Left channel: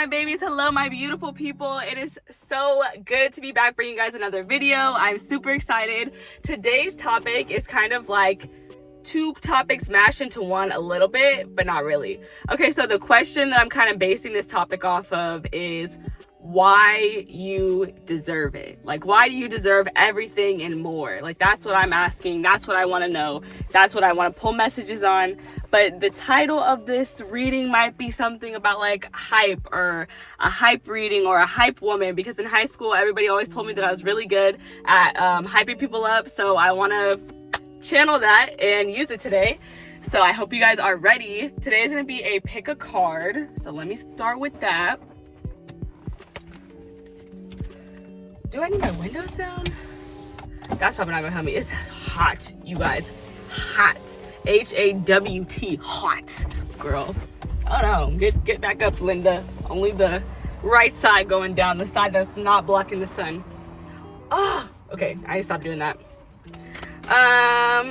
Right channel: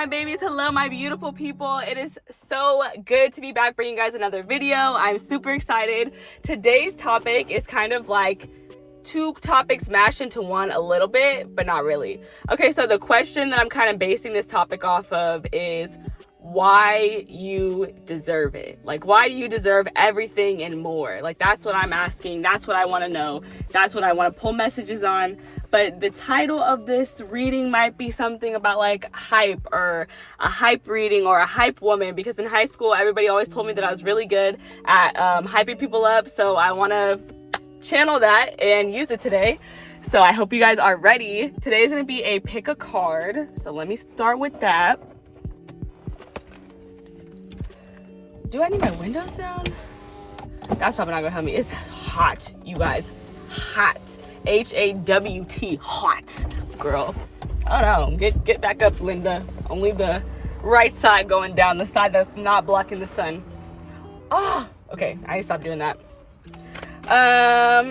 my babies. Hello, my beautiful people. It is so good to be back bringing you guys another video. I'm super excited. Today's topic is kind of like two topics mashed into one a little bit, but not really. Okay, so the question that I'm kind of basing this topic off of is why you deserve it. Like, why do you deserve everything and more? Like, that's what I'm asking. That's what I want to know. That's what I want to pull messages on. But the title of this reading might be something about like hype, or a hype reading, or a hype woman, because in high school everybody always told me that I was really good at hyping people up. So I want to channel that and use it today. So I hope you guys are ready. Today is going to be a pick a card. So let me start with that. Do I need my windows down? That's probably not gonna help me. It's hot, you guys. Hot. H-A-W-T. Hot, girl. Oh no. Get back up, Linda. Only the right side going down, the side that's not blocking the sun. Oh, okay. I need to stop doing that. I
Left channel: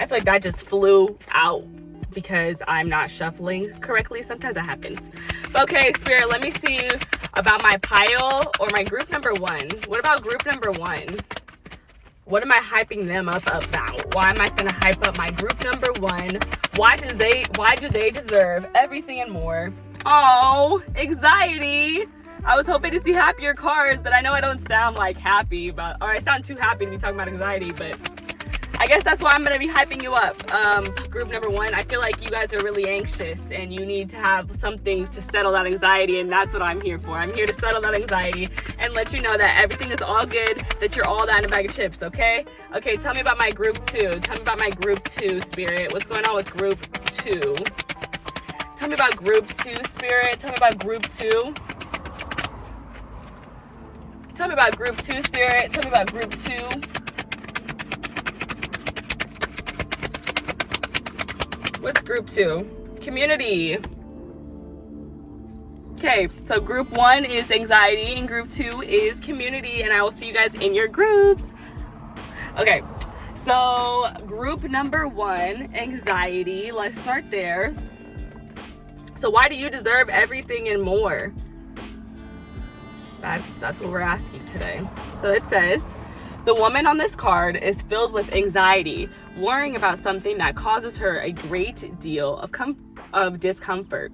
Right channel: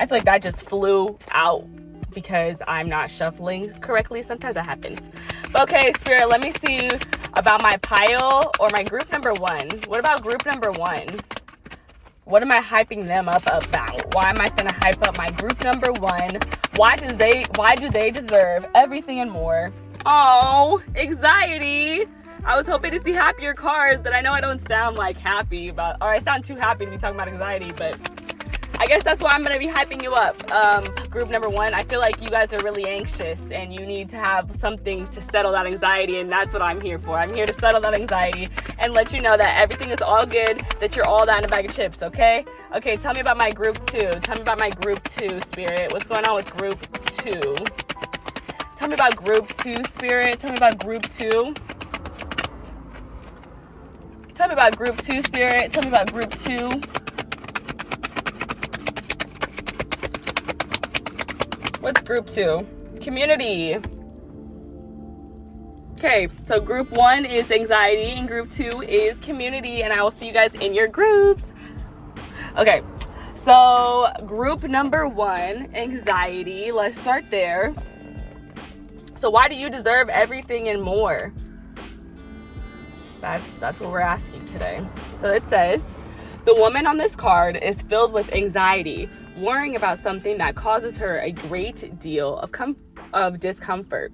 feel like that just flew out because I'm not shuffling correctly. Sometimes that happens. Okay, Spirit, let me see about my pile or my group number one. What about group number one? What am I hyping them up about? Why am I gonna hype up my group number one? Why do they deserve everything and more? Oh, anxiety. I was hoping to see happier cards that I know I don't sound like happy about, or I sound too happy to be talking about anxiety, but I guess that's why I'm going to be hyping you up. Group number one, I feel like you guys are really anxious and you need to have some things to settle that anxiety, and that's what I'm here for. I'm here to settle that anxiety and let you know that everything is all good, that you're all that in a bag of chips, okay? Okay, tell me about my group two. Tell me about my group two, Spirit. What's going on with group two? Tell me about group two, Spirit. Tell me about group two. Tell me about group two, Spirit. Tell me about group two. What's group two? Community. Okay, so group one is anxiety and group two is community, and I will see you guys in your groups. Okay, so group number one, anxiety. Let's start there. So why do you deserve everything and more? That's what we're asking today. So it says, the woman on this card is filled with anxiety, worrying about something that causes her a great deal of discomfort.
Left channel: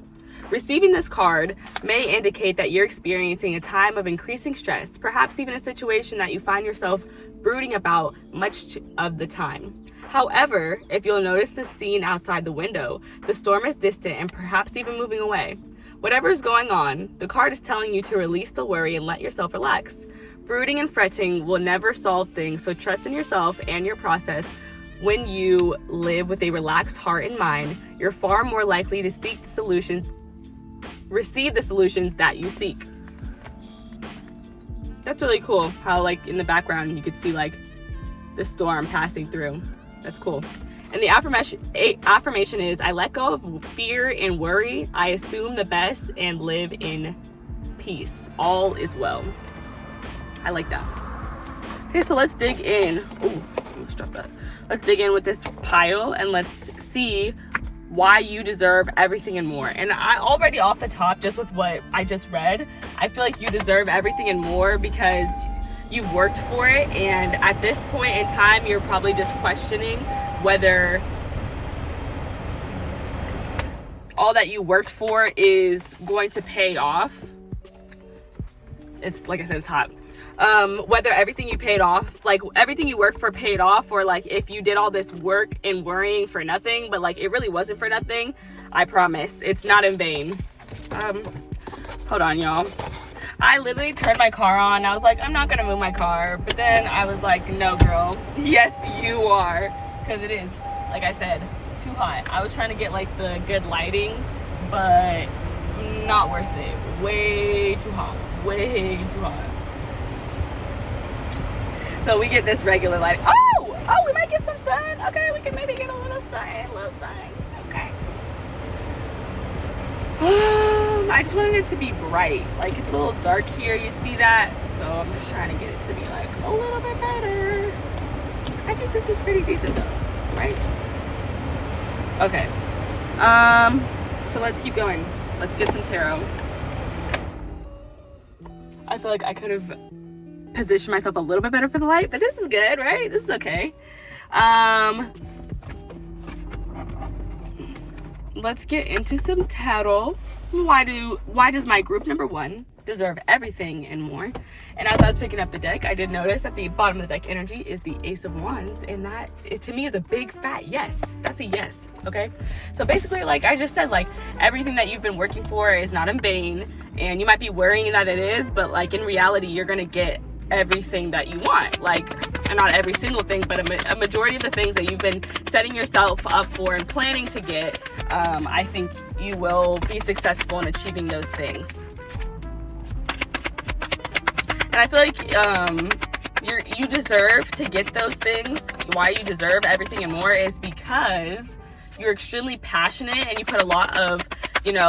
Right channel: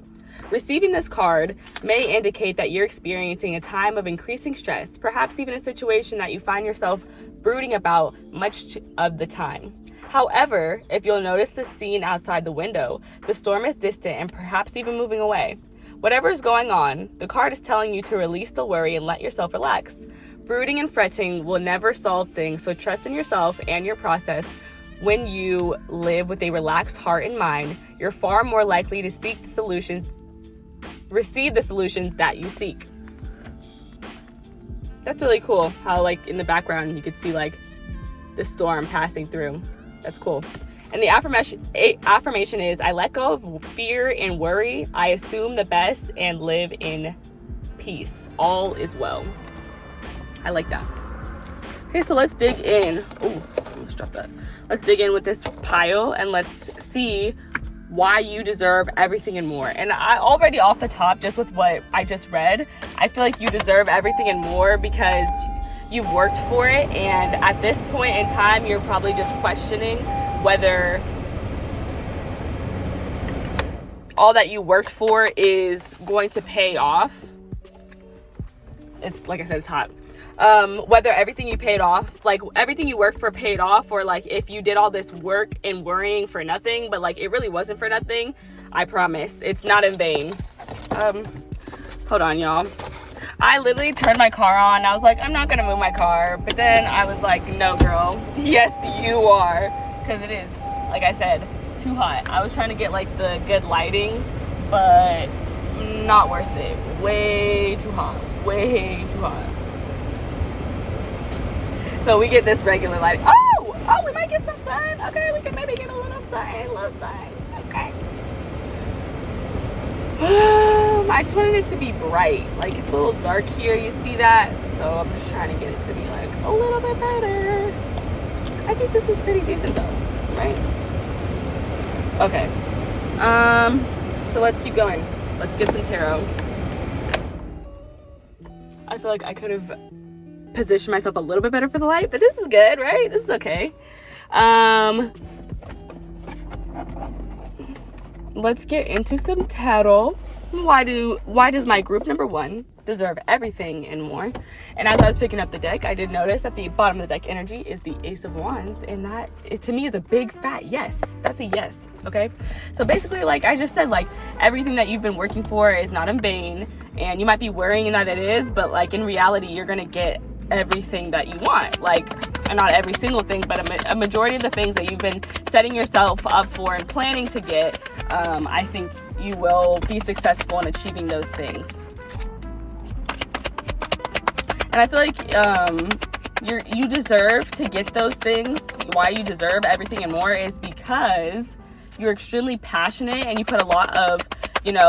Receiving this card may indicate that you're experiencing a time of increasing stress, perhaps even a situation that you find yourself brooding about much of the time. However, if you'll notice the scene outside the window, the storm is distant and perhaps even moving away. Whatever is going on, the card is telling you to release the worry and let yourself relax. Brooding and fretting will never solve things, so trust in yourself and your process. When you live with a relaxed heart and mind, you're far more likely to receive the solutions that you seek. That's really cool how, like, in the background you could see like the storm passing through. That's cool. And the affirmation is, I let go of fear and worry. I assume the best and live in peace. All is well. I like that. Okay, so let's dig in. Ooh, let's drop that. Let's dig in with this pile and let's see why you deserve everything and more. And I already off the top, just with what I just read, I feel like you deserve everything and more because you've worked for it. And at this point in time, you're probably just questioning whether all that you worked for is going to pay off. It's like I said, it's hot. Whether everything you paid off, like everything you worked for paid off, or like if you did all this work and worrying for nothing, but like it really wasn't for nothing. I promise it's not in vain. Hold on, y'all. I literally turned my car on. I was like, I'm not gonna move my car, but then I was like, no, girl. Yes, you are, because it is, like I said, too hot. I was trying to get like the good lighting, but not worth it. Way too hot. Way too hot. So we get this regular lighting. Oh, we might get some sun. Okay, we can maybe get a little sun. Okay. I just wanted it to be bright. Like, it's a little dark here. You see that? So I'm just trying to get it to be like a little bit better. I think this is pretty decent though, right? Okay. So let's keep going. Let's get some tarot. I feel like I could have positioned myself a little bit better for the light, but this is good, right? This is okay. Let's get into some tarot. Why does my group number 1 deserve everything and more? And as I was picking up the deck, I did notice at the bottom of the deck energy is the Ace of Wands, and that to me is a big fat yes. That's a yes. Okay, so basically, like I just said, like everything that you've been working for is not in vain, and you might be worrying that it is, but like in reality, you're gonna get everything that you want. Like, and not every single thing, but a majority of the things that you've been setting yourself up for and planning to get, I think you will be successful in achieving those things. And I feel like you deserve to get those things. Why you deserve everything and more is because you're extremely passionate and you put a lot of,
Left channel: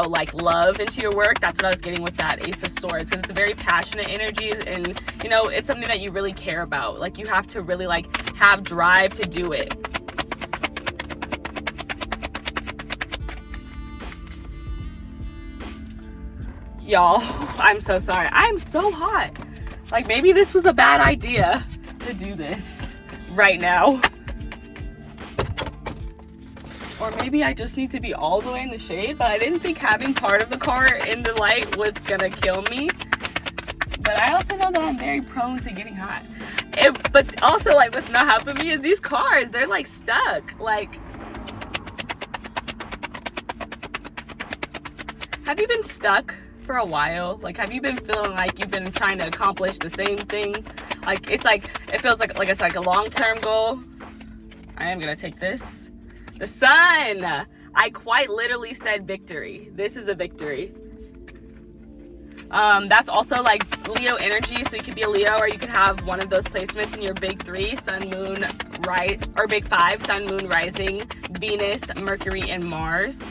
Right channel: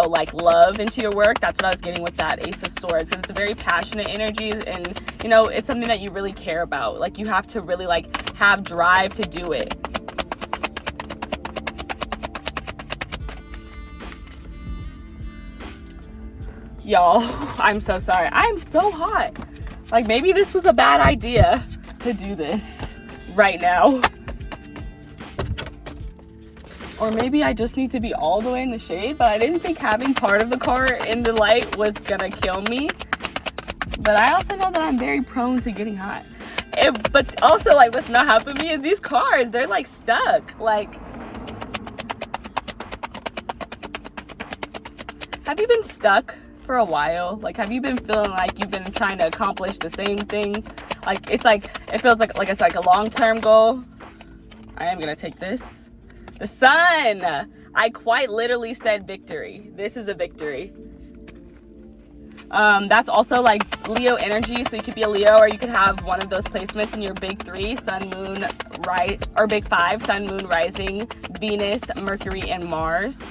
like love into your work. That's what I was getting with that Ace of Swords, because it's a very passionate energy, and it's something that you really care about. Like you have to really like have drive to do it. Y'all, I'm so sorry. I'm so hot. Like maybe this was a bad idea to do this right now. Or maybe I just need to be all the way in the shade, but I didn't think having part of the car in the light was gonna kill me. But I also know that I'm very prone to getting hot. But also, like, what's not helping me is these cars. They're like stuck. Like, have you been stuck for a while? Like, have you been feeling like you've been trying to accomplish the same thing? Like, it feels like it's like a long-term goal. I am gonna take this. The sun. I quite literally said victory. This is a victory. That's also like Leo energy. So you could be a Leo, or you could have one of those placements in your big 3, sun, moon, right, or big 5, sun, moon, rising, Venus, Mercury, and Mars.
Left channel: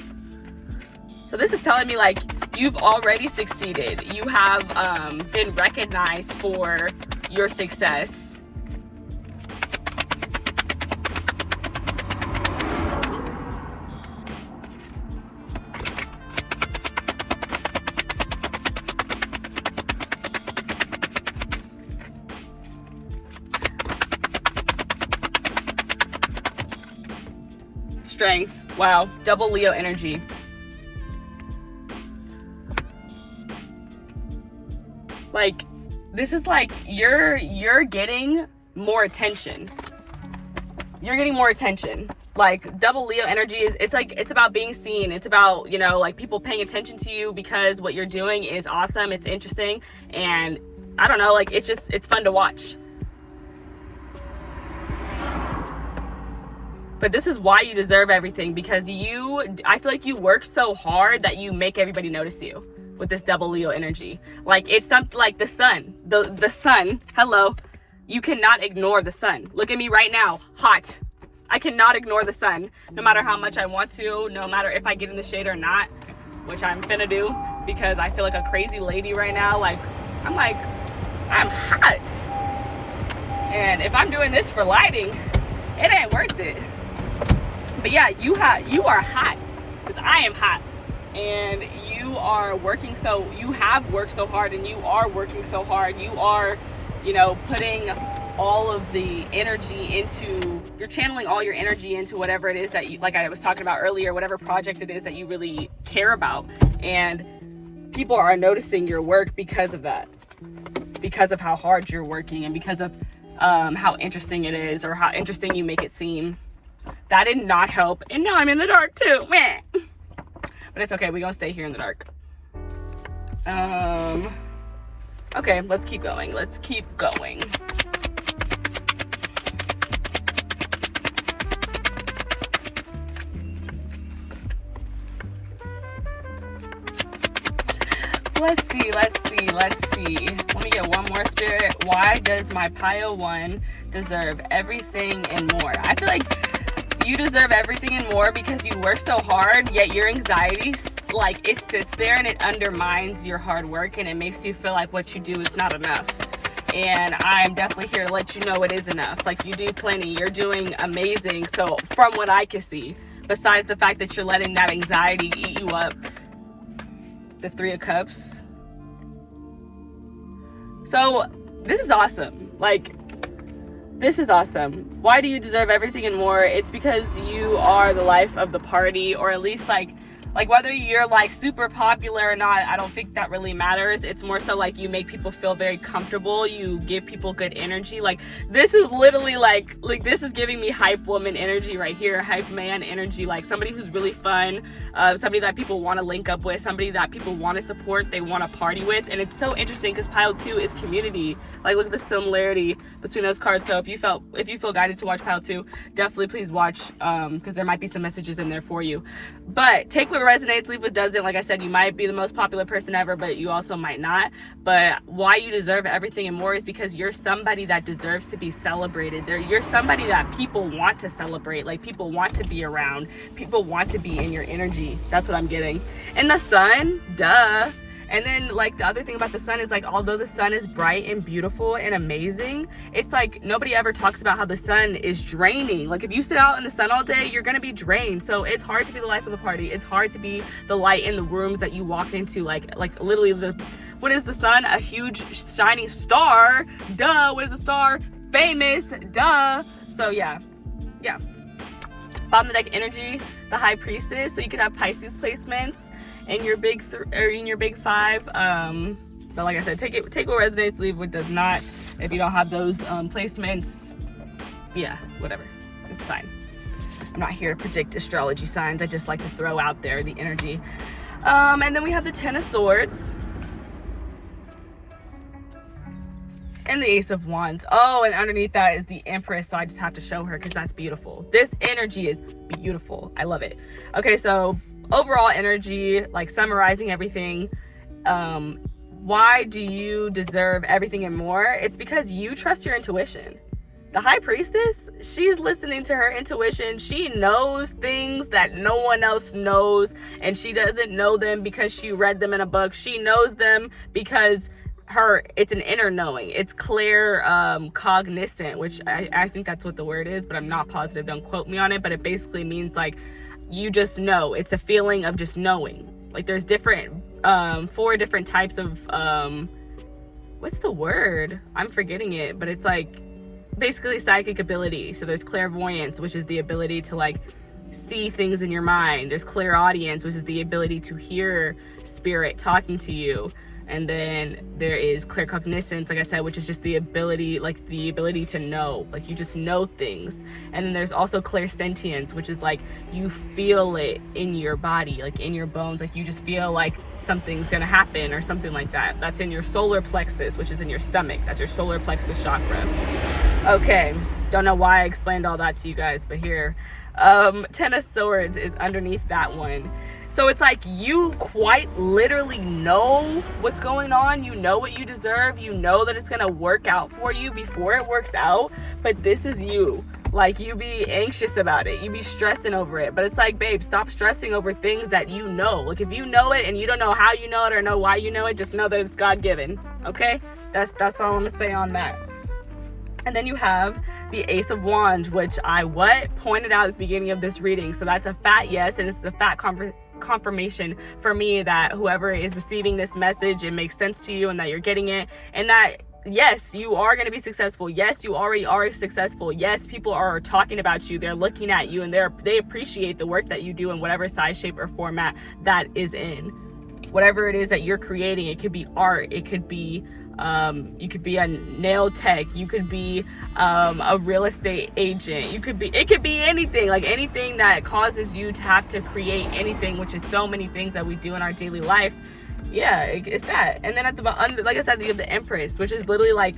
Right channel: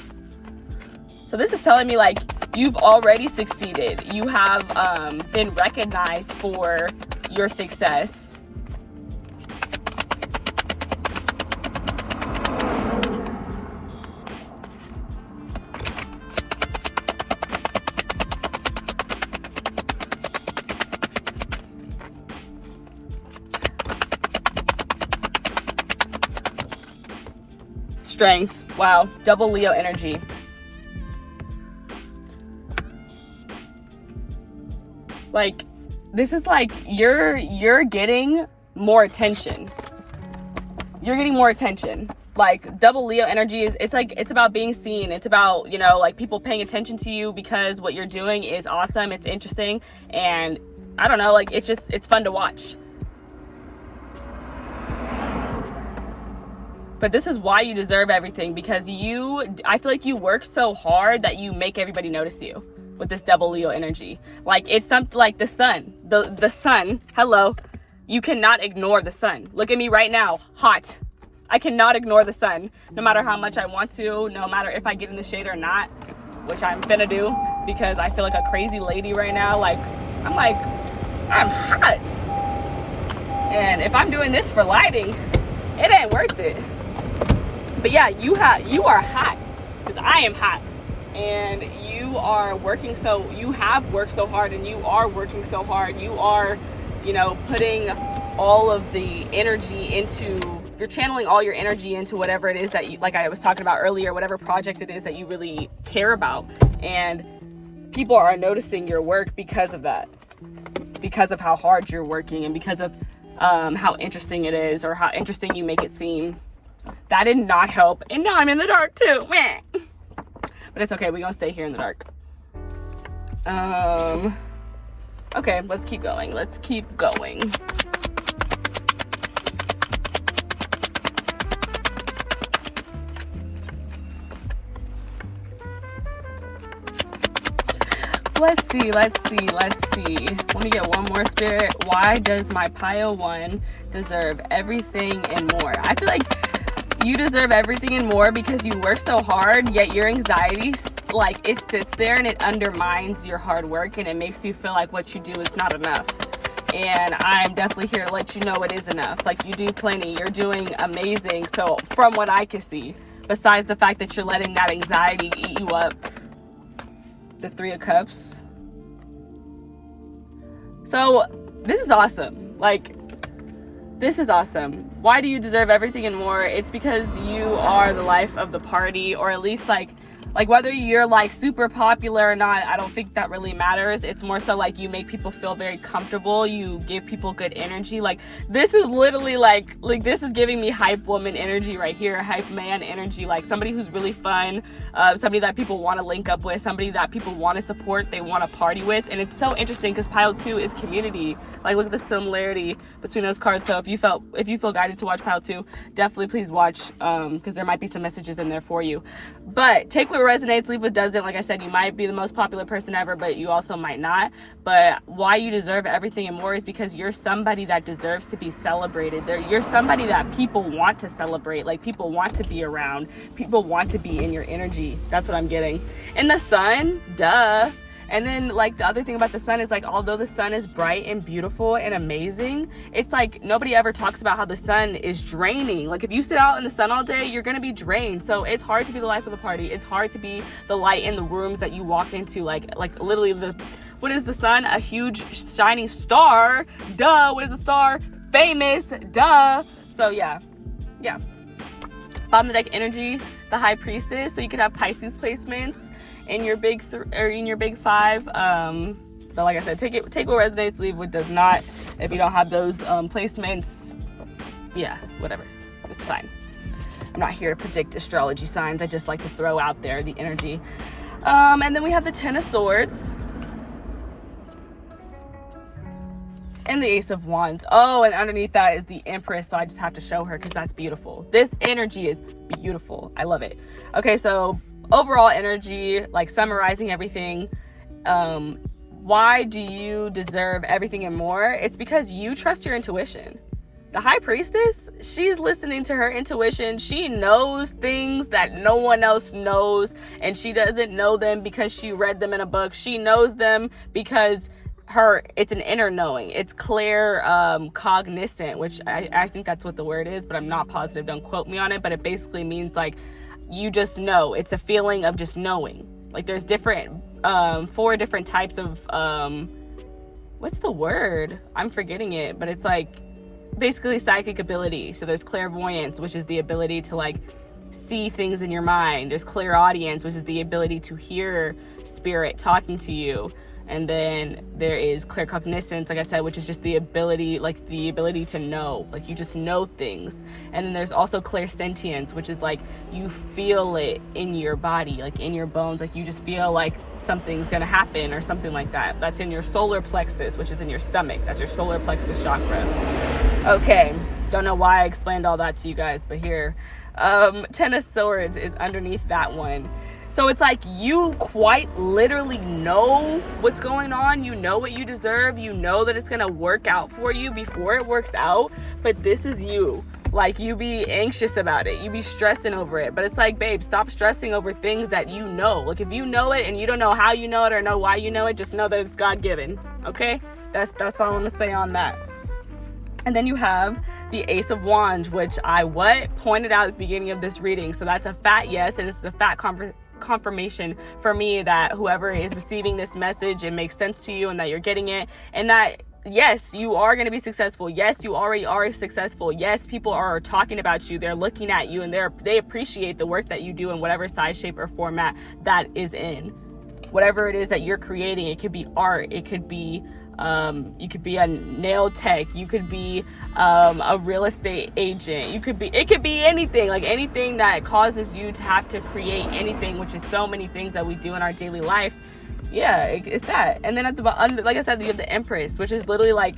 So this is telling me like you've already succeeded. You have been recognized for your success. Strength. Wow. Double Leo energy. Like, this is like you're getting more attention. You're getting more attention. Like, double Leo energy it's about being seen. It's about, like people paying attention to you because what you're doing is awesome. It's interesting. And I don't know, like it's fun to watch. But this is why you deserve everything, because I feel like you work so hard that you make everybody notice you with this double Leo energy. Like, it's something like the sun. The sun, hello. You cannot ignore the sun. Look at me right now, hot. I cannot ignore the sun, no matter how much I want to, no matter if I get in the shade or not, which I'm finna do, because I feel like a crazy lady right now. Like, I'm hot. And if I'm doing this for lighting, it ain't worth it. But yeah, you are hot, because I am hot, and you have worked so hard, and you are working so hard. You are, putting all of the energy you're channeling all your energy into whatever it is that you, like I was talking about earlier, whatever project it is that you really care about. And people are noticing your work because of that, because of how hard you're working, and because of how interesting it is, or how interesting you make it seem. That did not help, and now I'm in the dark too. Meh. But it's okay, we're gonna stay here in the dark. Okay, let's keep going. Let's see. Let me get one more, Spirit. Why does my Pio 1 deserve everything and more? I feel like you deserve everything and more because you work so hard, yet your anxiety, like, it sits there and it undermines your hard work, and it makes you feel like what you do is not enough. And I'm definitely here to let you know it is enough. Like, you do plenty. You're doing amazing. So from what I can see, besides the fact that you're letting that anxiety eat you up, the Three of Cups. So this is awesome. Like, this is awesome. Why do you deserve everything and more? It's because you are the life of the party, or at least like whether you're like super popular or not, I don't think that really matters. It's more so like you make people feel very comfortable. You give people good energy. Like, this is literally like this is giving me hype woman energy right here, hype man energy, like somebody who's really fun, somebody that people want to link up with, somebody that people want to support, they want to party with. And it's so interesting because pile 2 is community. Like, look at the similarity between those cards. So if you feel guided to watch pile 2, definitely please watch, because there might be some messages in there for you. But take what resonates, leave what doesn't. Like I said, you might be the most popular person ever, but you also might not. But why you deserve everything and more is because you're somebody that deserves to be celebrated. You're somebody that people want to celebrate. Like, people want to be around. People want to be in your energy. That's what I'm getting. And the sun, duh. And then, like, the other thing about the sun is, like, although the sun is bright and beautiful and amazing, it's like nobody ever talks about how the sun is draining. Like, if you sit out in the sun all day, you're gonna be drained. So it's hard to be the life of the party. It's hard to be the light in the rooms that you walk into. Like literally, what is the sun? A huge shining star. Duh. What is a star? Famous. Duh. So yeah. Bottom of the deck energy, the High Priestess. So you could have Pisces placements in your big in your big 5. But like I said, take what resonates, leave what does not. If you don't have those placements, yeah, whatever, it's fine. I'm not here to predict astrology signs. I just like to throw out there the energy. And then we have the Ten of Swords and the Ace of Wands. Oh, and underneath that is the Empress. So I just have to show her because that's beautiful. This energy is beautiful. I love it. Okay, so overall energy, like summarizing everything, why do you deserve everything and more? It's because you trust your intuition. The High Priestess, she's listening to her intuition. She knows things that no one else knows, and she doesn't know them because she read them in a book. She knows them because it's an inner knowing. It's clear cognizant, which I think that's what the word is, but I'm not positive. Don't quote me on it, but it basically means like you just know. It's a feeling of just knowing. Like, there's different 4 different types of what's the word? I'm forgetting it, but it's like basically psychic ability. So there's clairvoyance, which is the ability to like see things in your mind. There's clairaudience, which is the ability to hear spirit talking to you. And then there is claircognizance, like I said, which is just the ability to know, like you just know things. And then there's also clairsentience, which is like you feel it in your body, like in your bones, like you just feel like something's gonna happen or something like that. That's in your solar plexus, which is in your stomach. That's your solar plexus chakra. Okay, don't know why I explained all that to you guys, but here, Ten of Swords is underneath that one. So it's like you quite literally know what's going on. You know what you deserve. You know that it's going to work out for you before it works out. But this is you. Like, you be anxious about it. You be stressing over it. But it's like, babe, stop stressing over things that you know. Like, if you know it and you don't know how you know it or know why you know it, just know that it's God-given. Okay? That's all I'm going to say on that. And then you have the Ace of Wands, which I pointed out at the beginning of this reading. So that's a fat yes, and it's a fat confirmation for me that whoever is receiving this message, it makes sense to you and that you're getting it, and that yes, you are going to be successful. Yes, you already are successful. Yes, people are talking about you. They're looking at you and they appreciate the work that you do in whatever size, shape, or format that is in. Whatever it is that you're creating, it could be art, it could be you could be a nail tech, you could be a real estate agent, it could be anything, like anything that causes you to have to create anything, which is so many things that we do in our daily life. Yeah, it's that. And then at the bottom, like I said, you have the Empress, which is literally like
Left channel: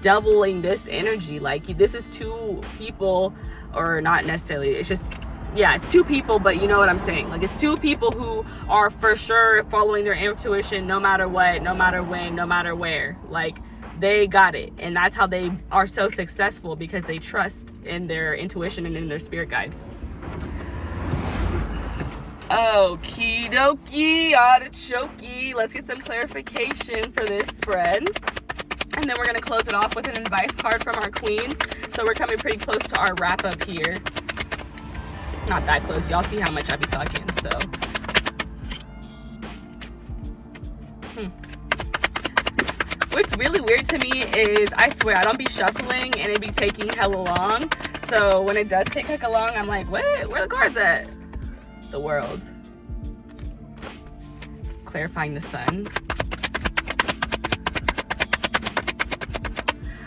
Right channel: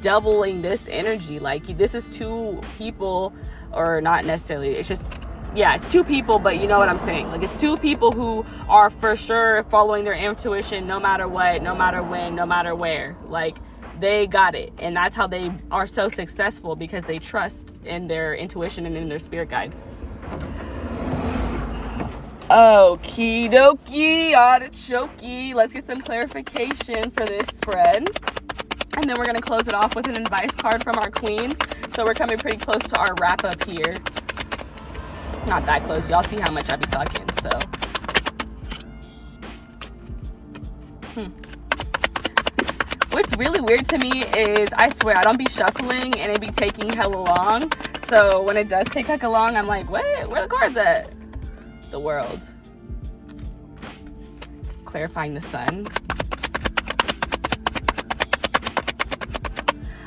doubling this energy. Like, this is 2 people, or not necessarily, it's just, yeah, it's 2 people, but you know what I'm saying. Like, it's 2 people who are for sure following their intuition no matter what, no matter when, no matter where. Like, they got it. And that's how they are so successful, because they trust in their intuition and in their spirit guides. Okie dokie, artichoke. Let's get some clarification for this spread. And then we're going to close it off with an advice card from our queens. So we're coming pretty close to our wrap up here. Not that close. Y'all see how much I be talking, so. What's really weird to me is, I swear, I don't be shuffling and it be taking hella long. So when it does take like a long, I'm like, what? Where the cards at? The World. Clarifying the Sun.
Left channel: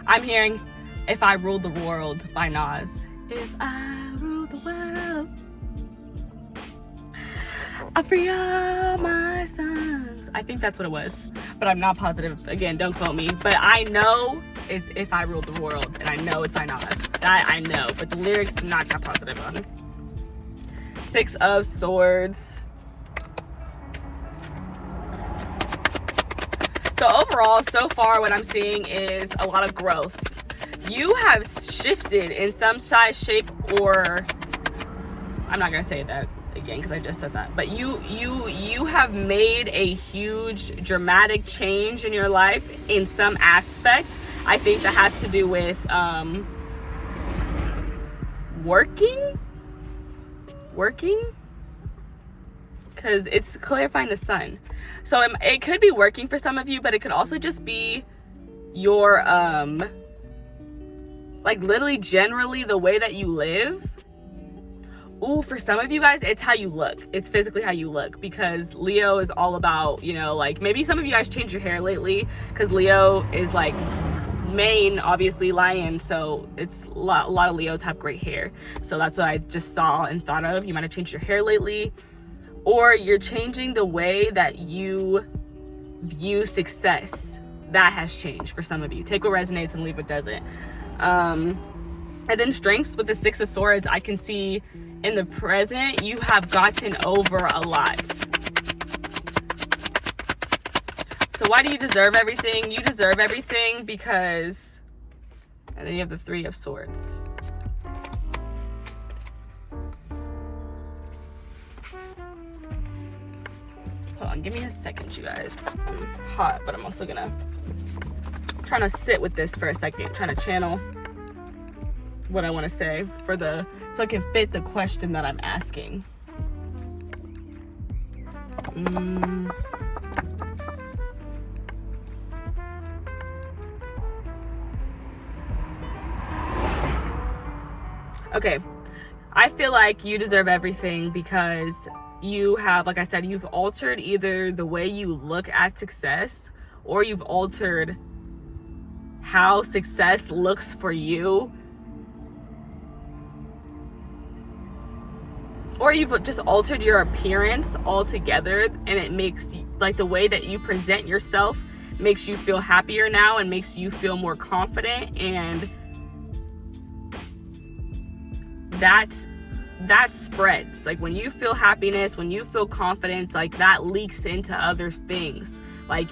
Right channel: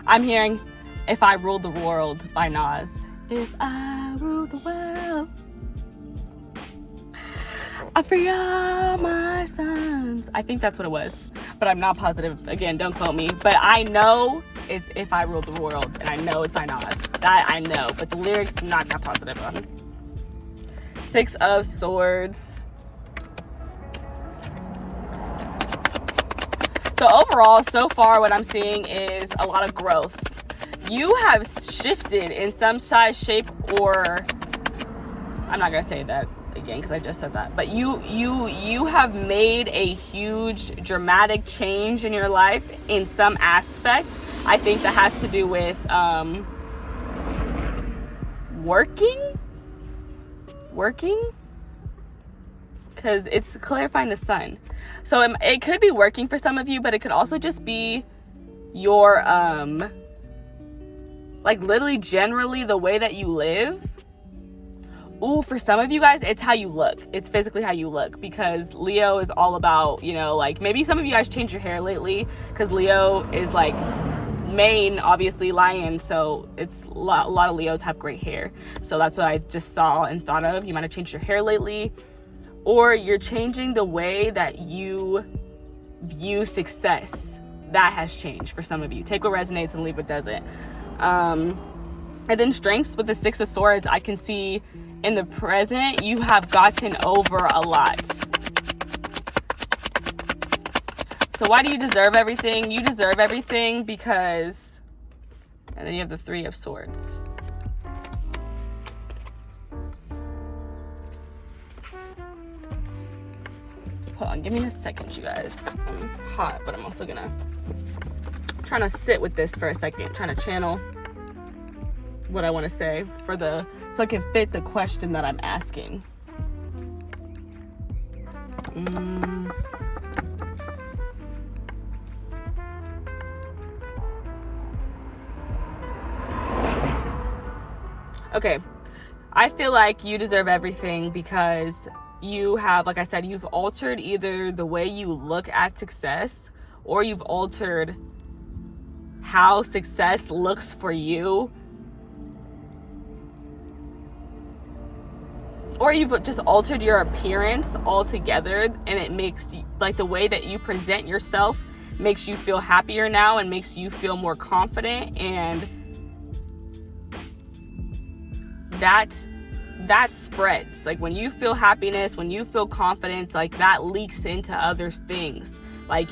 I'm hearing If I Ruled the World by Nas. If I ruled the world, I'd free all my sons. I think that's what it was, but I'm not positive. Again, don't quote me. But I know it's If I Ruled the World, and I know it's by Nas. That I know, but the lyrics, I'm not that positive on. 6 of Swords. So overall, so far, what I'm seeing is a lot of growth. You have shifted in some size, shape, or I'm not gonna say that again because I just said that. But you have made a huge, dramatic change in your life in some aspect. I think that has to do with working, because it's clarifying the Sun. So it could be working for some of you, but it could also just be your like literally generally the way that you live. Ooh, for some of you guys, it's how you look. It's physically how you look, because Leo is all about, you know, like maybe some of you guys change your hair lately, because Leo is like main, obviously lion, so it's a lot of Leos have great hair. So that's what I just saw and thought of. You might have changed your hair lately, or you're changing the way that you view success. That has changed for some of you. Take what resonates and leave what doesn't. And then strengths with the 6 of Swords, I can see in the present you have gotten over a lot. So why do you deserve everything? You deserve everything because, and then you have the 3 of Swords. Hold on, give me a second, you guys. I'm hot, but I'm also trying to sit with this for a second, trying to channel what I want to say so I can fit the question that I'm asking. Okay, I feel like you deserve everything because you have, like I said, you've altered either the way you look at success, or you've altered how success looks for you, or you've just altered your appearance altogether, and it makes, like, the way that you present yourself makes you feel happier now and makes you feel more confident, and that spreads. Like, when you feel happiness, when you feel confidence, like, that leaks into other things. Like,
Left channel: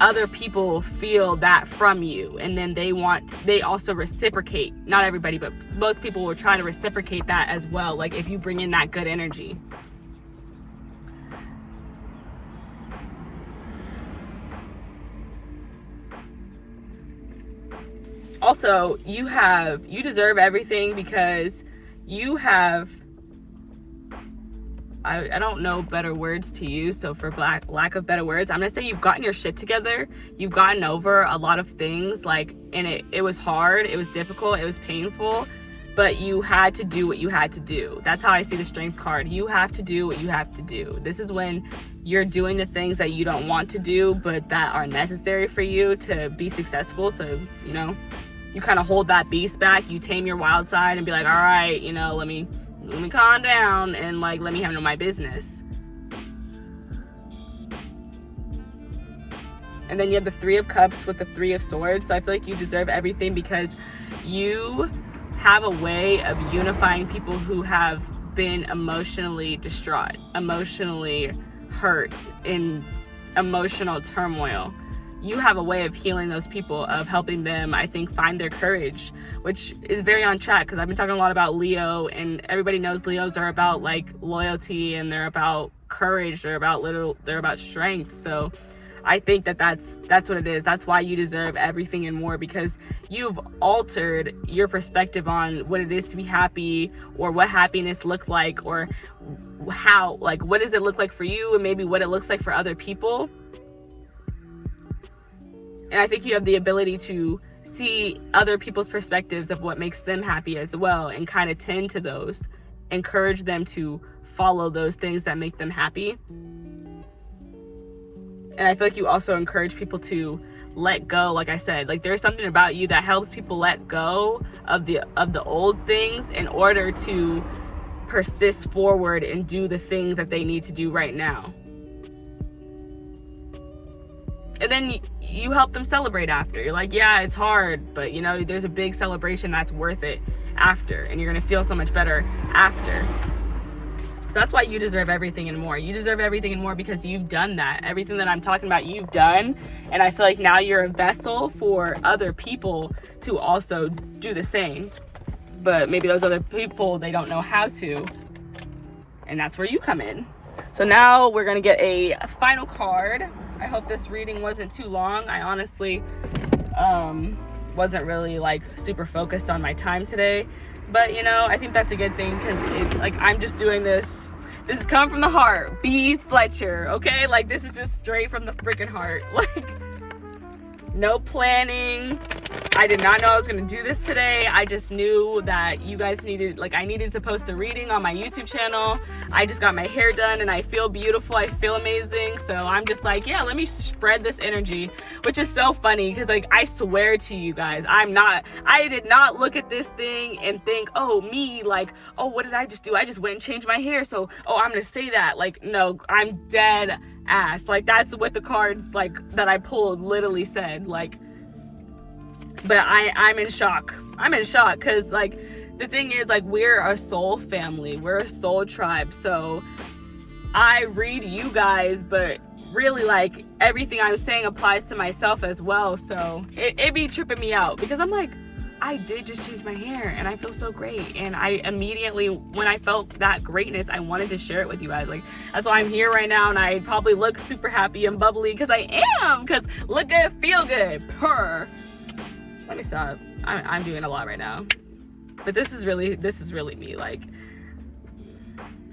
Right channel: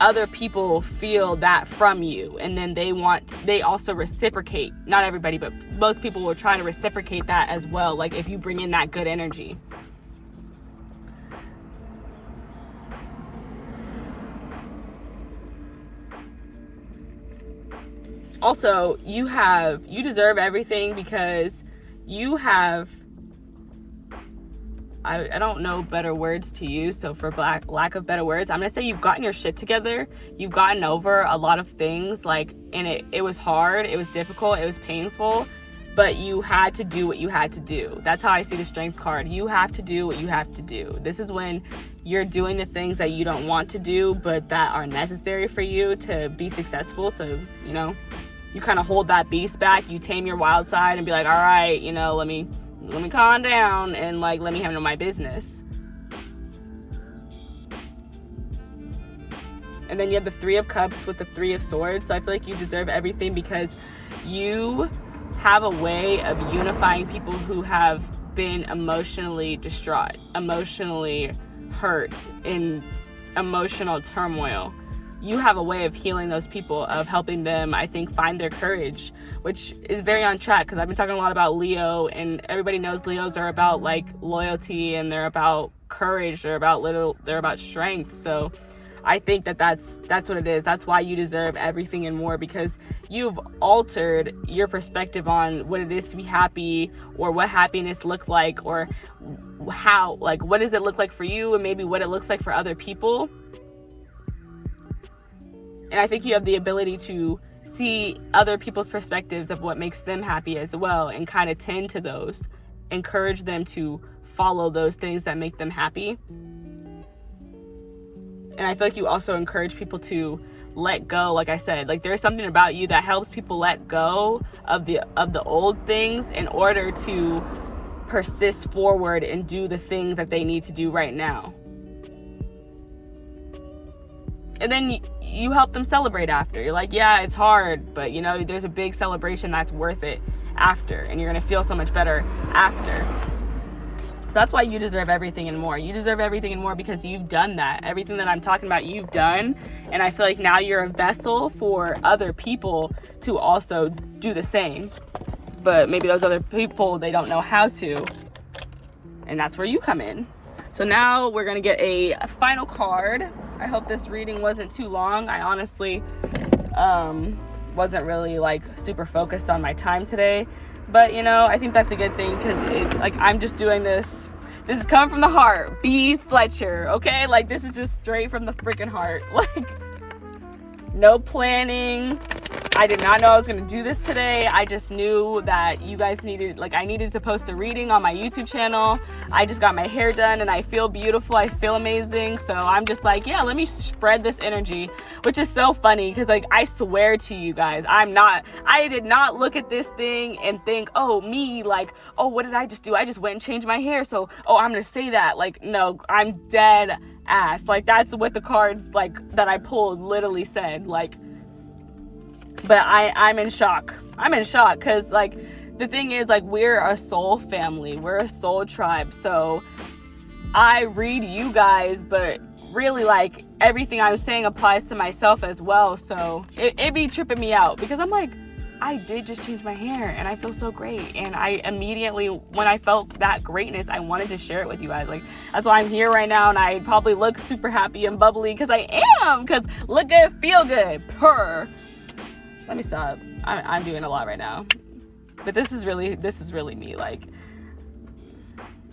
other people feel that from you, and then they also reciprocate. Not everybody, but most people will try to reciprocate that as well, like if you bring in that good energy. Also, you deserve everything because you have, I don't know better words to use, so for lack of better words, I'm gonna say you've gotten your shit together. You've gotten over a lot of things, like, and it was hard, it was difficult, it was painful, but you had to do what you had to do. That's how I see the Strength card. You have to do what you have to do. This is when you're doing the things that you don't want to do, but that are necessary for you to be successful. So, you know, you kind of hold that beast back, you tame your wild side and be like, all right, you know, let me calm down and, like, let me handle my business. And then you have the 3 of Cups with the 3 of Swords. So I feel like you deserve everything because you have a way of unifying people who have been emotionally distraught, emotionally hurt, in emotional turmoil. You have a way of healing those people, of helping them, I think, find their courage, which is very on track because I've been talking a lot about Leo, and everybody knows Leos are about, like, loyalty, and they're about courage, they're about strength. So I think that's what it is. That's why you deserve everything and more, because you've altered your perspective on what it is to be happy, or what happiness look like, or how, like, what does it look like for you, and maybe what it looks like for other people. And I think you have the ability to see other people's perspectives of what makes them happy as well, and kind of tend to those, encourage them to follow those things that make them happy. And I feel like you also encourage people to let go. Like I said, like there's something about you that helps people let go of the old things in order to persist forward and do the things that they need to do right now. And then you help them celebrate after. You're like, yeah, it's hard, but you know, there's a big celebration that's worth it after, and you're gonna feel so much better after. So that's why you deserve everything and more. You deserve everything and more because you've done that. Everything that I'm talking about, you've done. And I feel like now you're a vessel for other people to also do the same. But maybe those other people, they don't know how to. And that's where you come in. So now we're going to get a final card. I hope this reading wasn't too long. I honestly wasn't really like super focused on my time today. But, you know, I think that's a good thing because like I'm just doing this. This is coming from the heart. B. Fletcher, okay? Like, this is just straight from the freaking heart. Like, no planning. I did not know I was going to do this today. I just knew that you guys needed, like, I needed to post a reading on my YouTube channel. I just got my hair done and I feel beautiful. I feel amazing. So I'm just like, yeah, let me spread this energy, which is so funny because, like, I swear to you guys, I did not look at this thing and think, oh, me, like, oh, what did I just do? I just went and changed my hair. So, oh, I'm going to say that. Like, no, I'm dead ass. Like, that's what the cards, like, that I pulled literally said. Like, but I'm in shock. I'm in shock because, like, the thing is, like, we're a soul family. We're a soul tribe. So I read you guys, but really, like, everything I'm saying applies to myself as well. So it be tripping me out because I'm like, I did just change my hair and I feel so great. And I immediately, when I felt that greatness, I wanted to share it with you guys. Like, that's why I'm here right now. And I probably look super happy and bubbly because I am. Because look good, feel good, purr. Let me stop. I'm doing a lot right now. But this is really me. Like,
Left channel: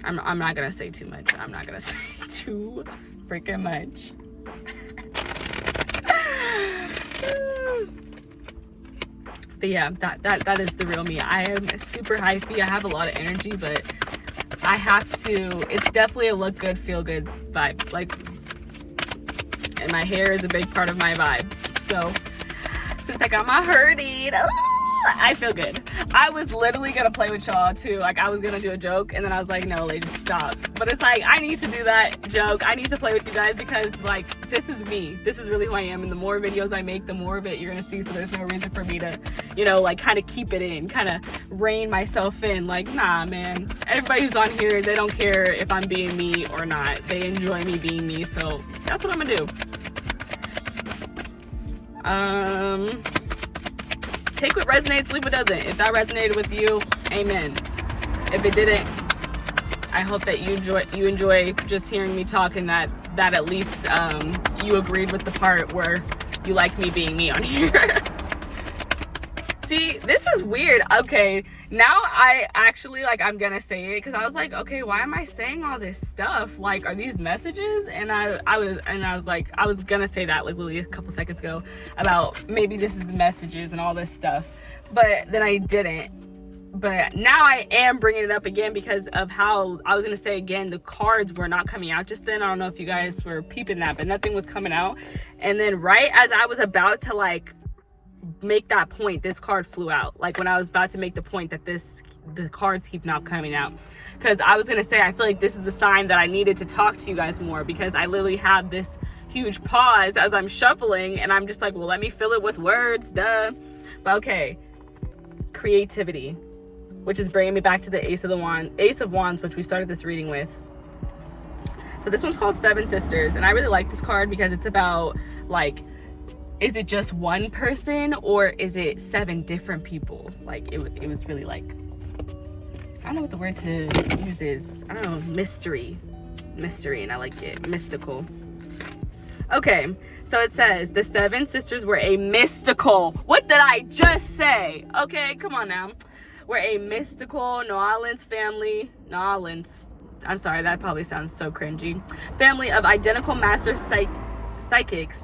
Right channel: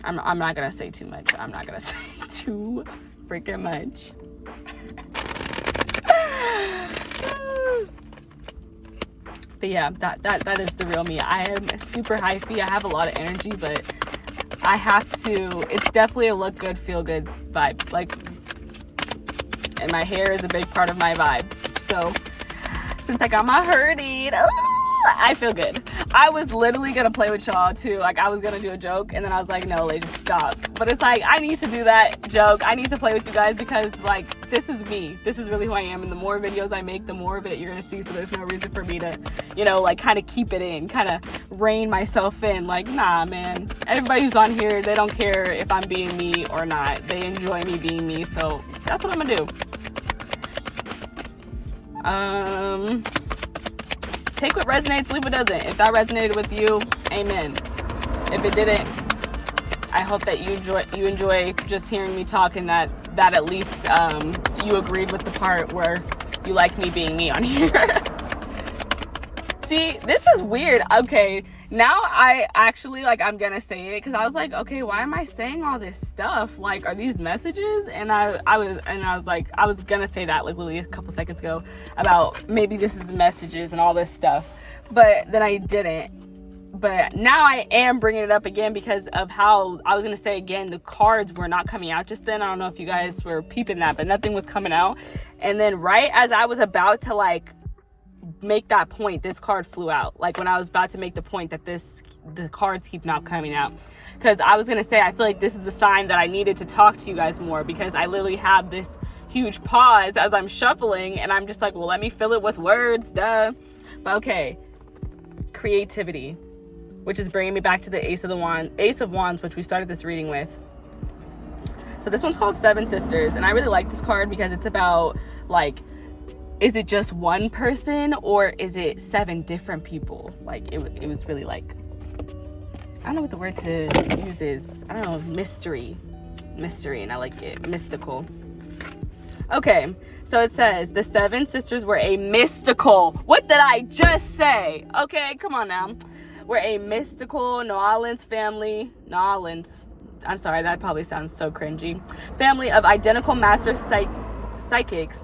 I'm not gonna say too much. I'm not gonna say too freaking much. But yeah, that is the real me. I am super hypey. I have a lot of energy, but I have to. It's definitely a look good, feel good vibe. Like, and my hair is a big part of my vibe. So since I got my hair did, I feel good. I was literally gonna play with y'all too. Like, I was gonna do a joke and then I was like, no, just stop. But it's like, I need to do that joke. I need to play with you guys because, like, this is me. This is really who I am. And the more videos I make, the more of it you're gonna see. So there's no reason for me to, you know, like, kind of keep it in, kind of rein myself in. Like, nah, man. Everybody who's on here, they don't care if I'm being me or not. They enjoy me being me. So that's what I'm gonna do. Take what resonates, leave what doesn't. If that resonated with you, amen. If it didn't, I hope that you enjoy just hearing me talk, and that at least you agreed with the part where you like me being me on here. See, this is weird. Okay, now I actually, like, I'm gonna say it because I was like, okay, why am I saying all this stuff? Like, are these messages? And I was gonna say that like literally a couple seconds ago about maybe this is messages and all this stuff, but then I didn't. But now I am bringing it up again because of how I was gonna say again, the cards were not coming out just then. I don't know if you guys were peeping that, but nothing was coming out. And then right as I was about to, like, make that point, this card flew out. Like, when I was about to make the point that the cards keep not coming out, because I was gonna say, I feel like this is a sign that I needed to talk to you guys more, because I literally had this huge pause as I'm shuffling and I'm just like, well, let me fill it with words, duh. But okay, creativity, which is bringing me back to the Ace of Wands, which we started this reading with. So this one's called Seven Sisters, and I really like this card because it's about, like, is it just one person or is it 7 different people? Like, it was really, like, I don't know what the word to use is. I don't know, mystery, and I like it, mystical. Okay, so it says the 7 sisters were a mystical. What did I just say? Okay, come on now. We're a mystical New Orleans family. New Orleans. I'm sorry, that probably sounds so cringy. Family of identical master psychics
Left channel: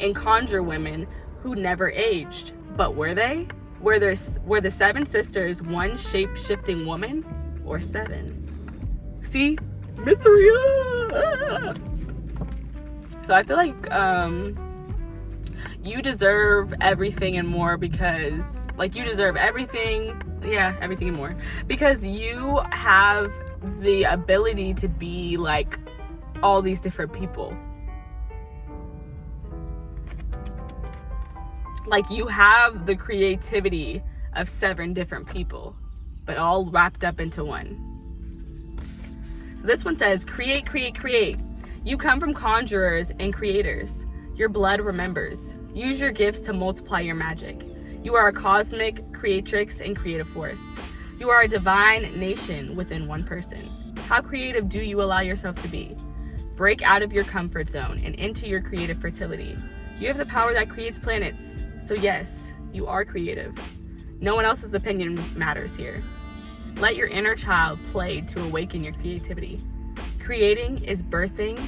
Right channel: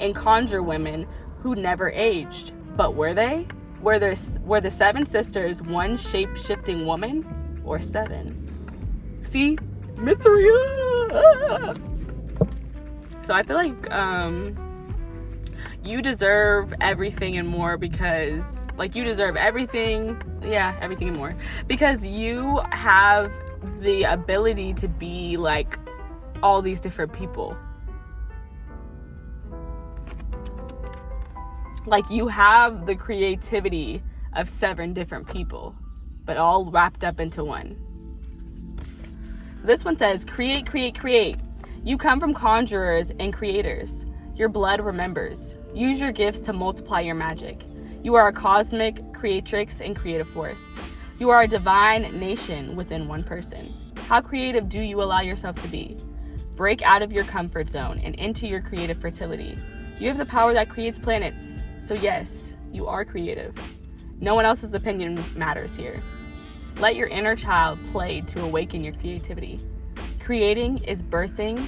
and conjure women who never aged. But were they? Were the 7 sisters one shape-shifting woman or 7? See? Mystery. So I feel like you deserve everything and more because, like, you deserve everything. Yeah, everything and more. Because you have the ability to be, like, all these different people. Like, you have the creativity of 7 different people, but all wrapped up into one. So this one says, create, create, create. You come from conjurers and creators. Your blood remembers. Use your gifts to multiply your magic. You are a cosmic creatrix and creative force. You are a divine nation within one person. How creative do you allow yourself to be? Break out of your comfort zone and into your creative fertility. You have the power that creates planets. So yes, you are creative. No one else's opinion matters here. Let your inner child play to awaken your creativity. Creating is birthing.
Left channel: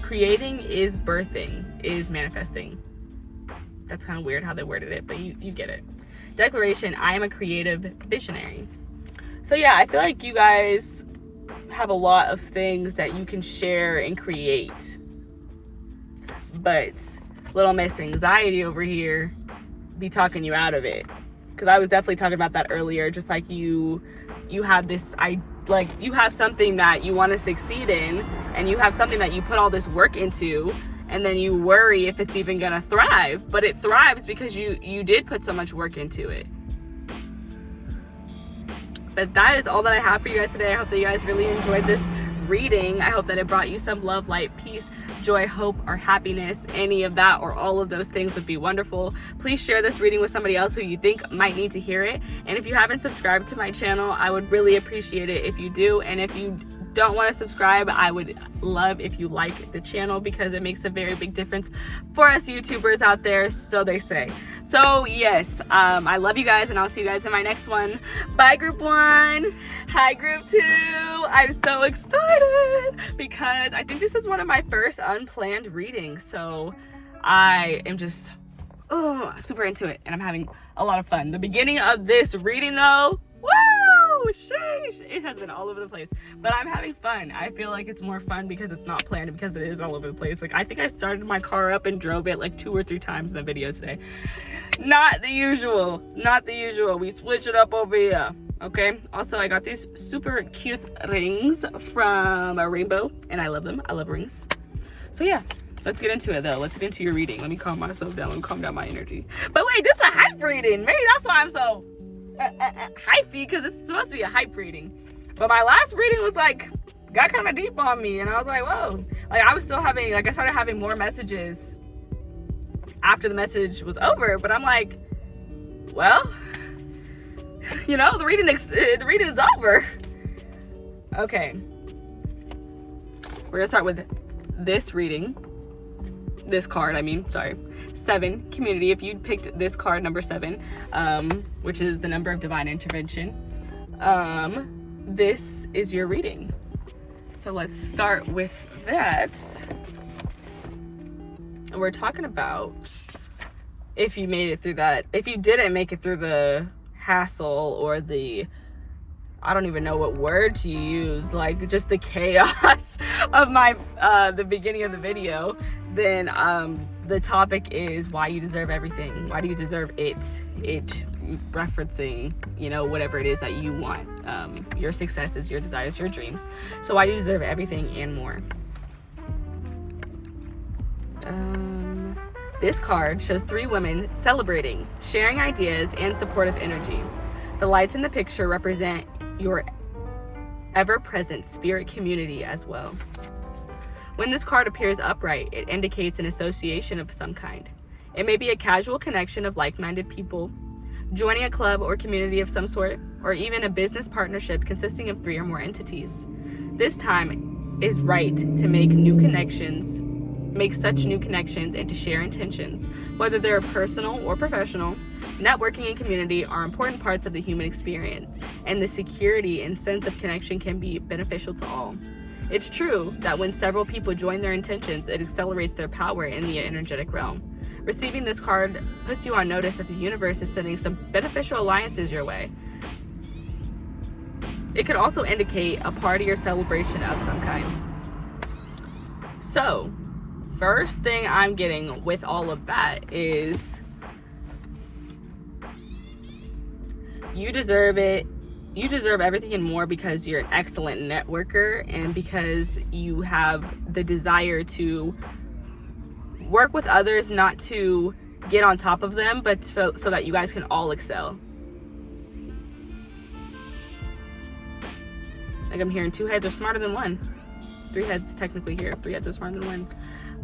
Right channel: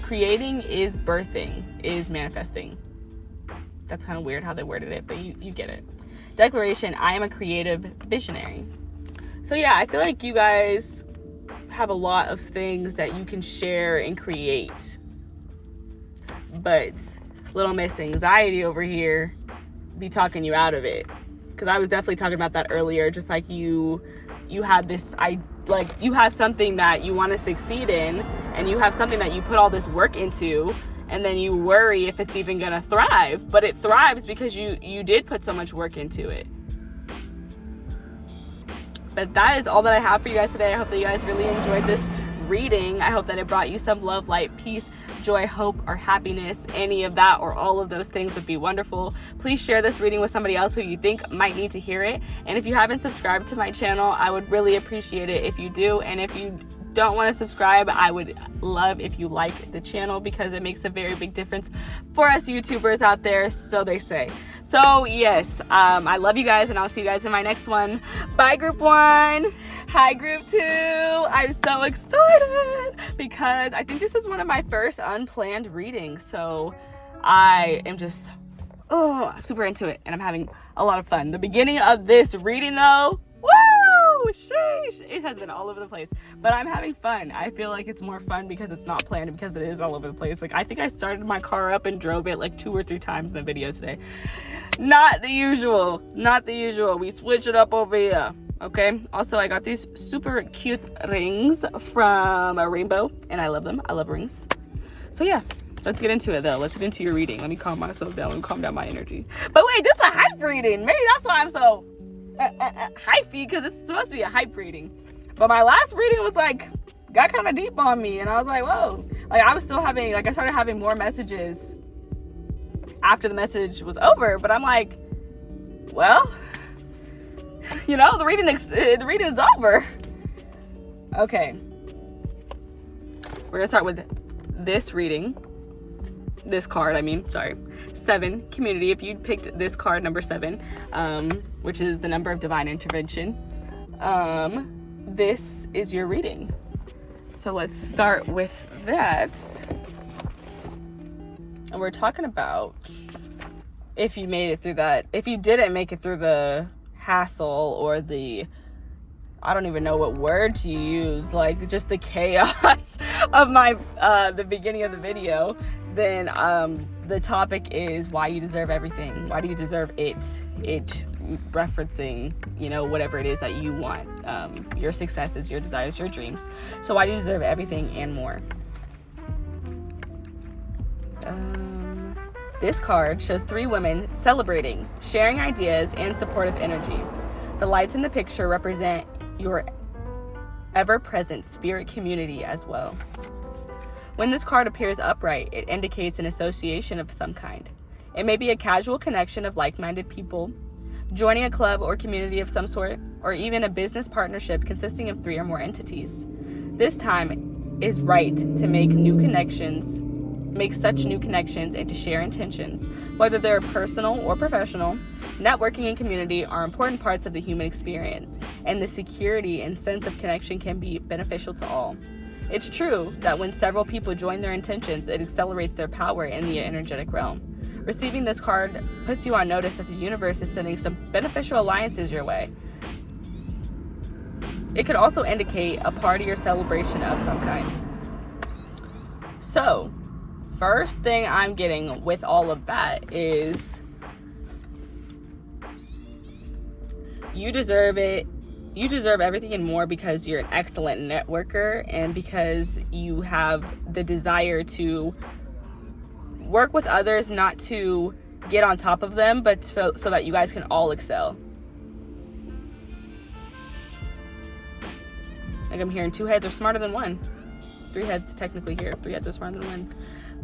Creating is birthing, is manifesting. That's kind of weird how they worded it, but you get it. Declaration, I am a creative visionary. So yeah, I feel like you guys have a lot of things that you can share and create. But little Miss Anxiety over here be talking you out of it. Because I was definitely talking about that earlier. Just like you have this, you have something that you want to succeed in, and you have something that you put all this work into, and then you worry if it's even gonna thrive. But it thrives because you did put so much work into it. But that is all that I have for you guys today. I hope that you guys really enjoyed this reading. I hope that it brought you some love, light, peace, joy, hope, or happiness. Any of that or all of those things would be wonderful. Please share this reading with somebody else who you think might need to hear it. And if you haven't subscribed to my channel, I would really appreciate it if you do. And if you don't want to subscribe, I would love if you like the channel because it makes a very big difference for us YouTubers out there, so they say. So yes, I love you guys, and I'll see you guys in my next one. Bye, Group 1. Hi, Group 2. I'm so excited because I think this is one of my first unplanned readings, so I am just super into it, and I'm having a lot of fun. The beginning of this reading, though, woo, sheesh, it has been all over the place, but I'm having fun. I feel like it's more fun because it's not planned, because it is all over the place. Like, I think I started my car up and drove it like 2 or 3 times in the video today. Not the usual. We switch it up over here. Okay. Also, I got these super cute rings from a Rainbow, and I love them. I love rings. So yeah, let's get into it though. Let's get into your reading. Let me calm myself down and calm down my energy. But wait, this is a hype reading. Maybe that's why I'm so hypey, because it's supposed to be a hype reading. But my last reading was like, got kind of deep on me, and I was like, whoa. Like, I was still having, like, I started having more messages after the message was over, but I'm like, well, you know, the reading is over. Okay, we're gonna start with this reading. This card, 7, community. If you picked this card, number 7, which is the number of divine intervention, this is your reading. So let's start with that. And we're talking about if you made it through that, if you didn't make it through the hassle or the, I don't even know what word to use, like just the chaos of my the beginning of the video, then the topic is why you deserve everything. Why do you deserve it referencing, you know, whatever it is that you want, your successes, your desires, your dreams. So why do you deserve everything and more? This card shows 3 women celebrating, sharing ideas, and supportive energy. The lights in the picture represent your ever-present spirit community as well. When this card appears upright, it indicates an association of some kind. It may be a casual connection of like-minded people, joining a club or community of some sort, or even a business partnership consisting of 3 or more entities. This time is right to make such new connections and to share intentions. Whether they're personal or professional, networking and community are important parts of the human experience, and the security and sense of connection can be beneficial to all. It's true that when several people join their intentions, it accelerates their power in the energetic realm. Receiving this card puts you on notice that the universe is sending some beneficial alliances your way. It could also indicate a party or celebration of some kind. So, first thing I'm getting with all of that is you deserve it. You deserve everything and more because you're an excellent networker and because you have the desire to work with others, not to get on top of them, but so that you guys can all excel. Like I'm hearing 2 heads are smarter than 1. 3 heads technically here. 3 heads are smarter than 1.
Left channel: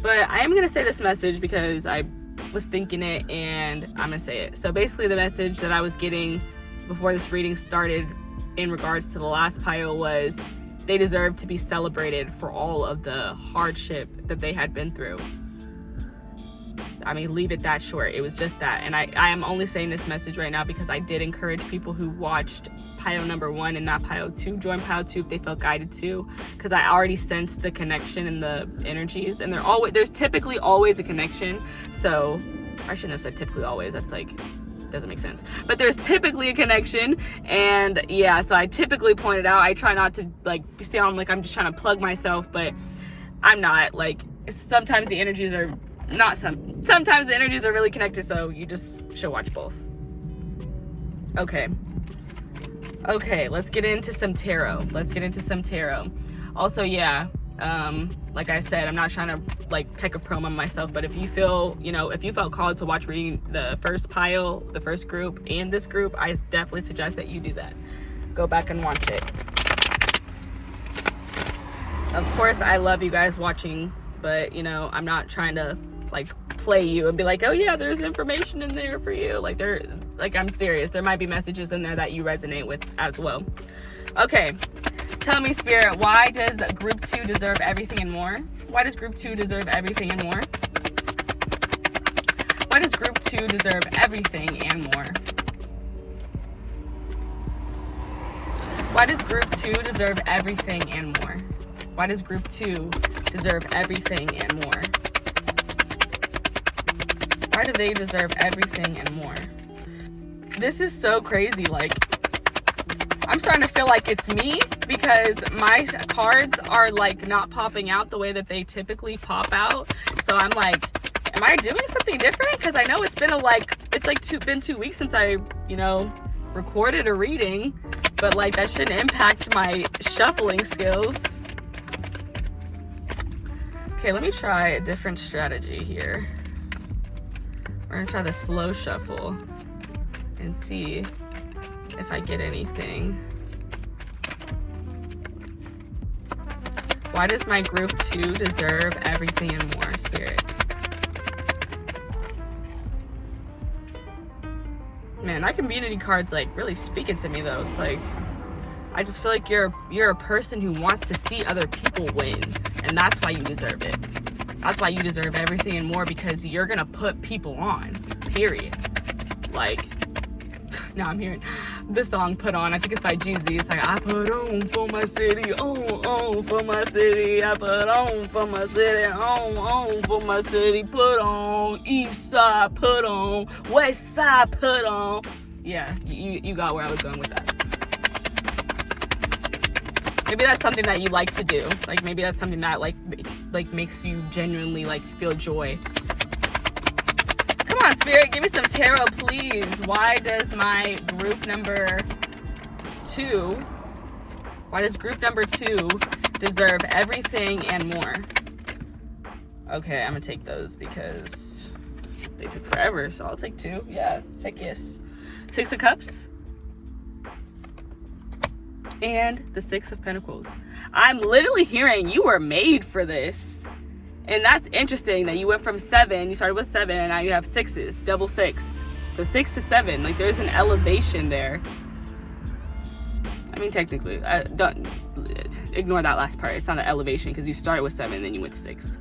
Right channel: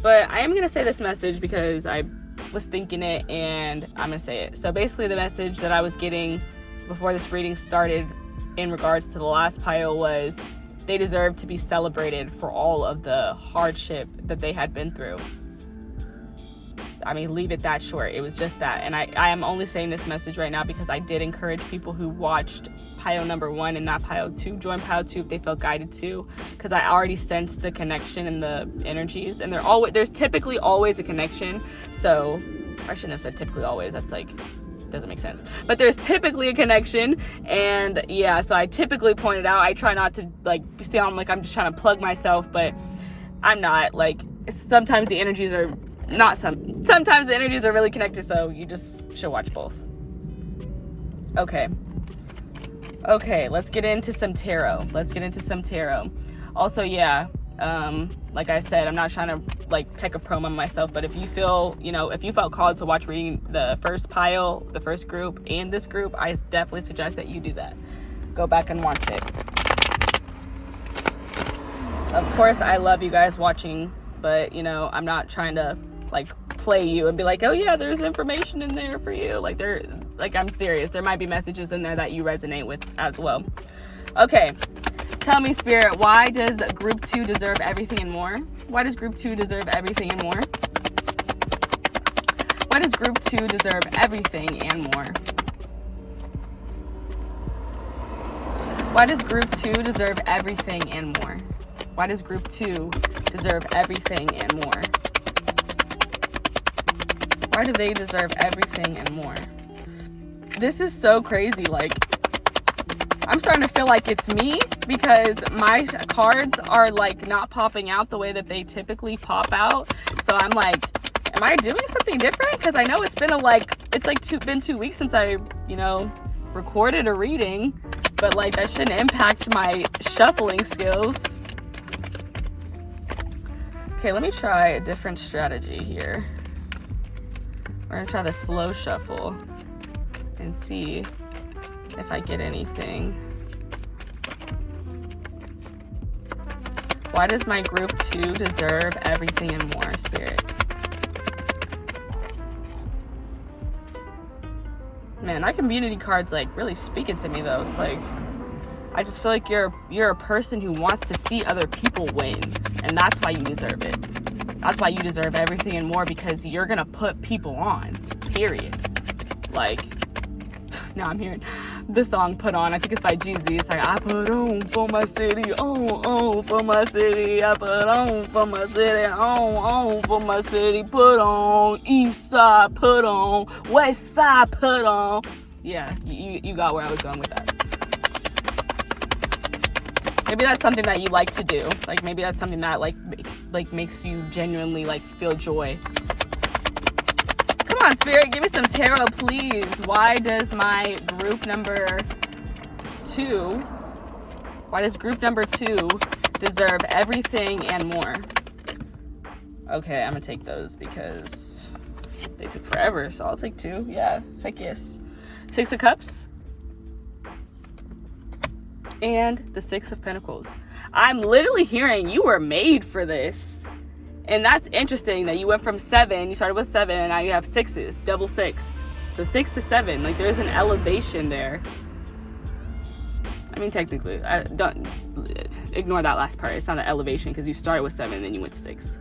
But I am going to say this message because I was thinking it and I'm going to say it. So basically the message that I was getting before this reading started in regards to the last pile was they deserve to be celebrated for all of the hardship that they had been through. I mean, leave it that short. It was just that. And I am only saying this message right now because I did encourage people who watched pile number 1 and not pile 2 join pile 2 if they felt guided to, because I already sensed the connection and the energies, and there's typically always a connection. So I shouldn't have said typically always. That's like doesn't make sense, but there's typically a connection. And yeah, so I typically point it out. I try not to like sound like I'm just trying to plug myself, but I'm not. Like sometimes the energies are not sometimes the energies are really connected, so you just should watch both. Okay, let's get into some tarot. Also, yeah, like I said, I'm not trying to like peck a promo on myself, but if you feel, if you felt called to watch reading the first pile, the first group, and this group, I definitely suggest that you do that. Go back and watch it. Of course, I love you guys watching, but I'm not trying to like play you and be like, oh yeah, there's information in there for you. Like I'm serious. There might be messages in there that you resonate with as well. Okay. Tell me, Spirit, why does Group 2 deserve everything and more? Why does Group 2 deserve everything and more? Why does Group 2 deserve everything and more? Why does Group 2 deserve everything and more? Why does Group 2 deserve everything and more? Why do they deserve everything and more? This is so crazy. Like, I'm starting to feel like it's me because my cards are like not popping out the way that they typically pop out. So I'm like, am I doing something different? Because I know it's been been 2 weeks since I, recorded a reading, but like that shouldn't impact my shuffling skills. Okay, let me try a different strategy here. We're gonna try the slow shuffle and see if I get anything. Why does my Group 2 deserve everything and more, Spirit? Man, that community card's like really speaking to me though. It's like, I just feel like you're a person who wants to see other people win, and that's why you deserve it. That's why you deserve everything and more, because you're gonna put people on, period. Like, now I'm hearing the song Put On. I think it's by Jeezy. It's like, I put on for my city, on for my city. I put on for my city, on for my city. Put on, east side, put on, west side, put on. Yeah, you got where I was going with that. Maybe that's something that you like to do. Like, maybe that's something that like makes you genuinely like feel joy. Come on, Spirit, give me some tarot, please. Why does my group number 2, why does group number 2 deserve everything and more? Okay, I'm gonna take those because they took forever, so I'll take 2. Yeah, heck yes. 6 of Cups. And the 6 of Pentacles. I'm literally hearing you were made for this. And that's interesting that you went from 7, you started with 7, and now you have 6s, double 6. So 6 to 7, like there's an elevation there. I mean, technically, don't ignore that last part. It's not an elevation because you started with 7, then you went to 6.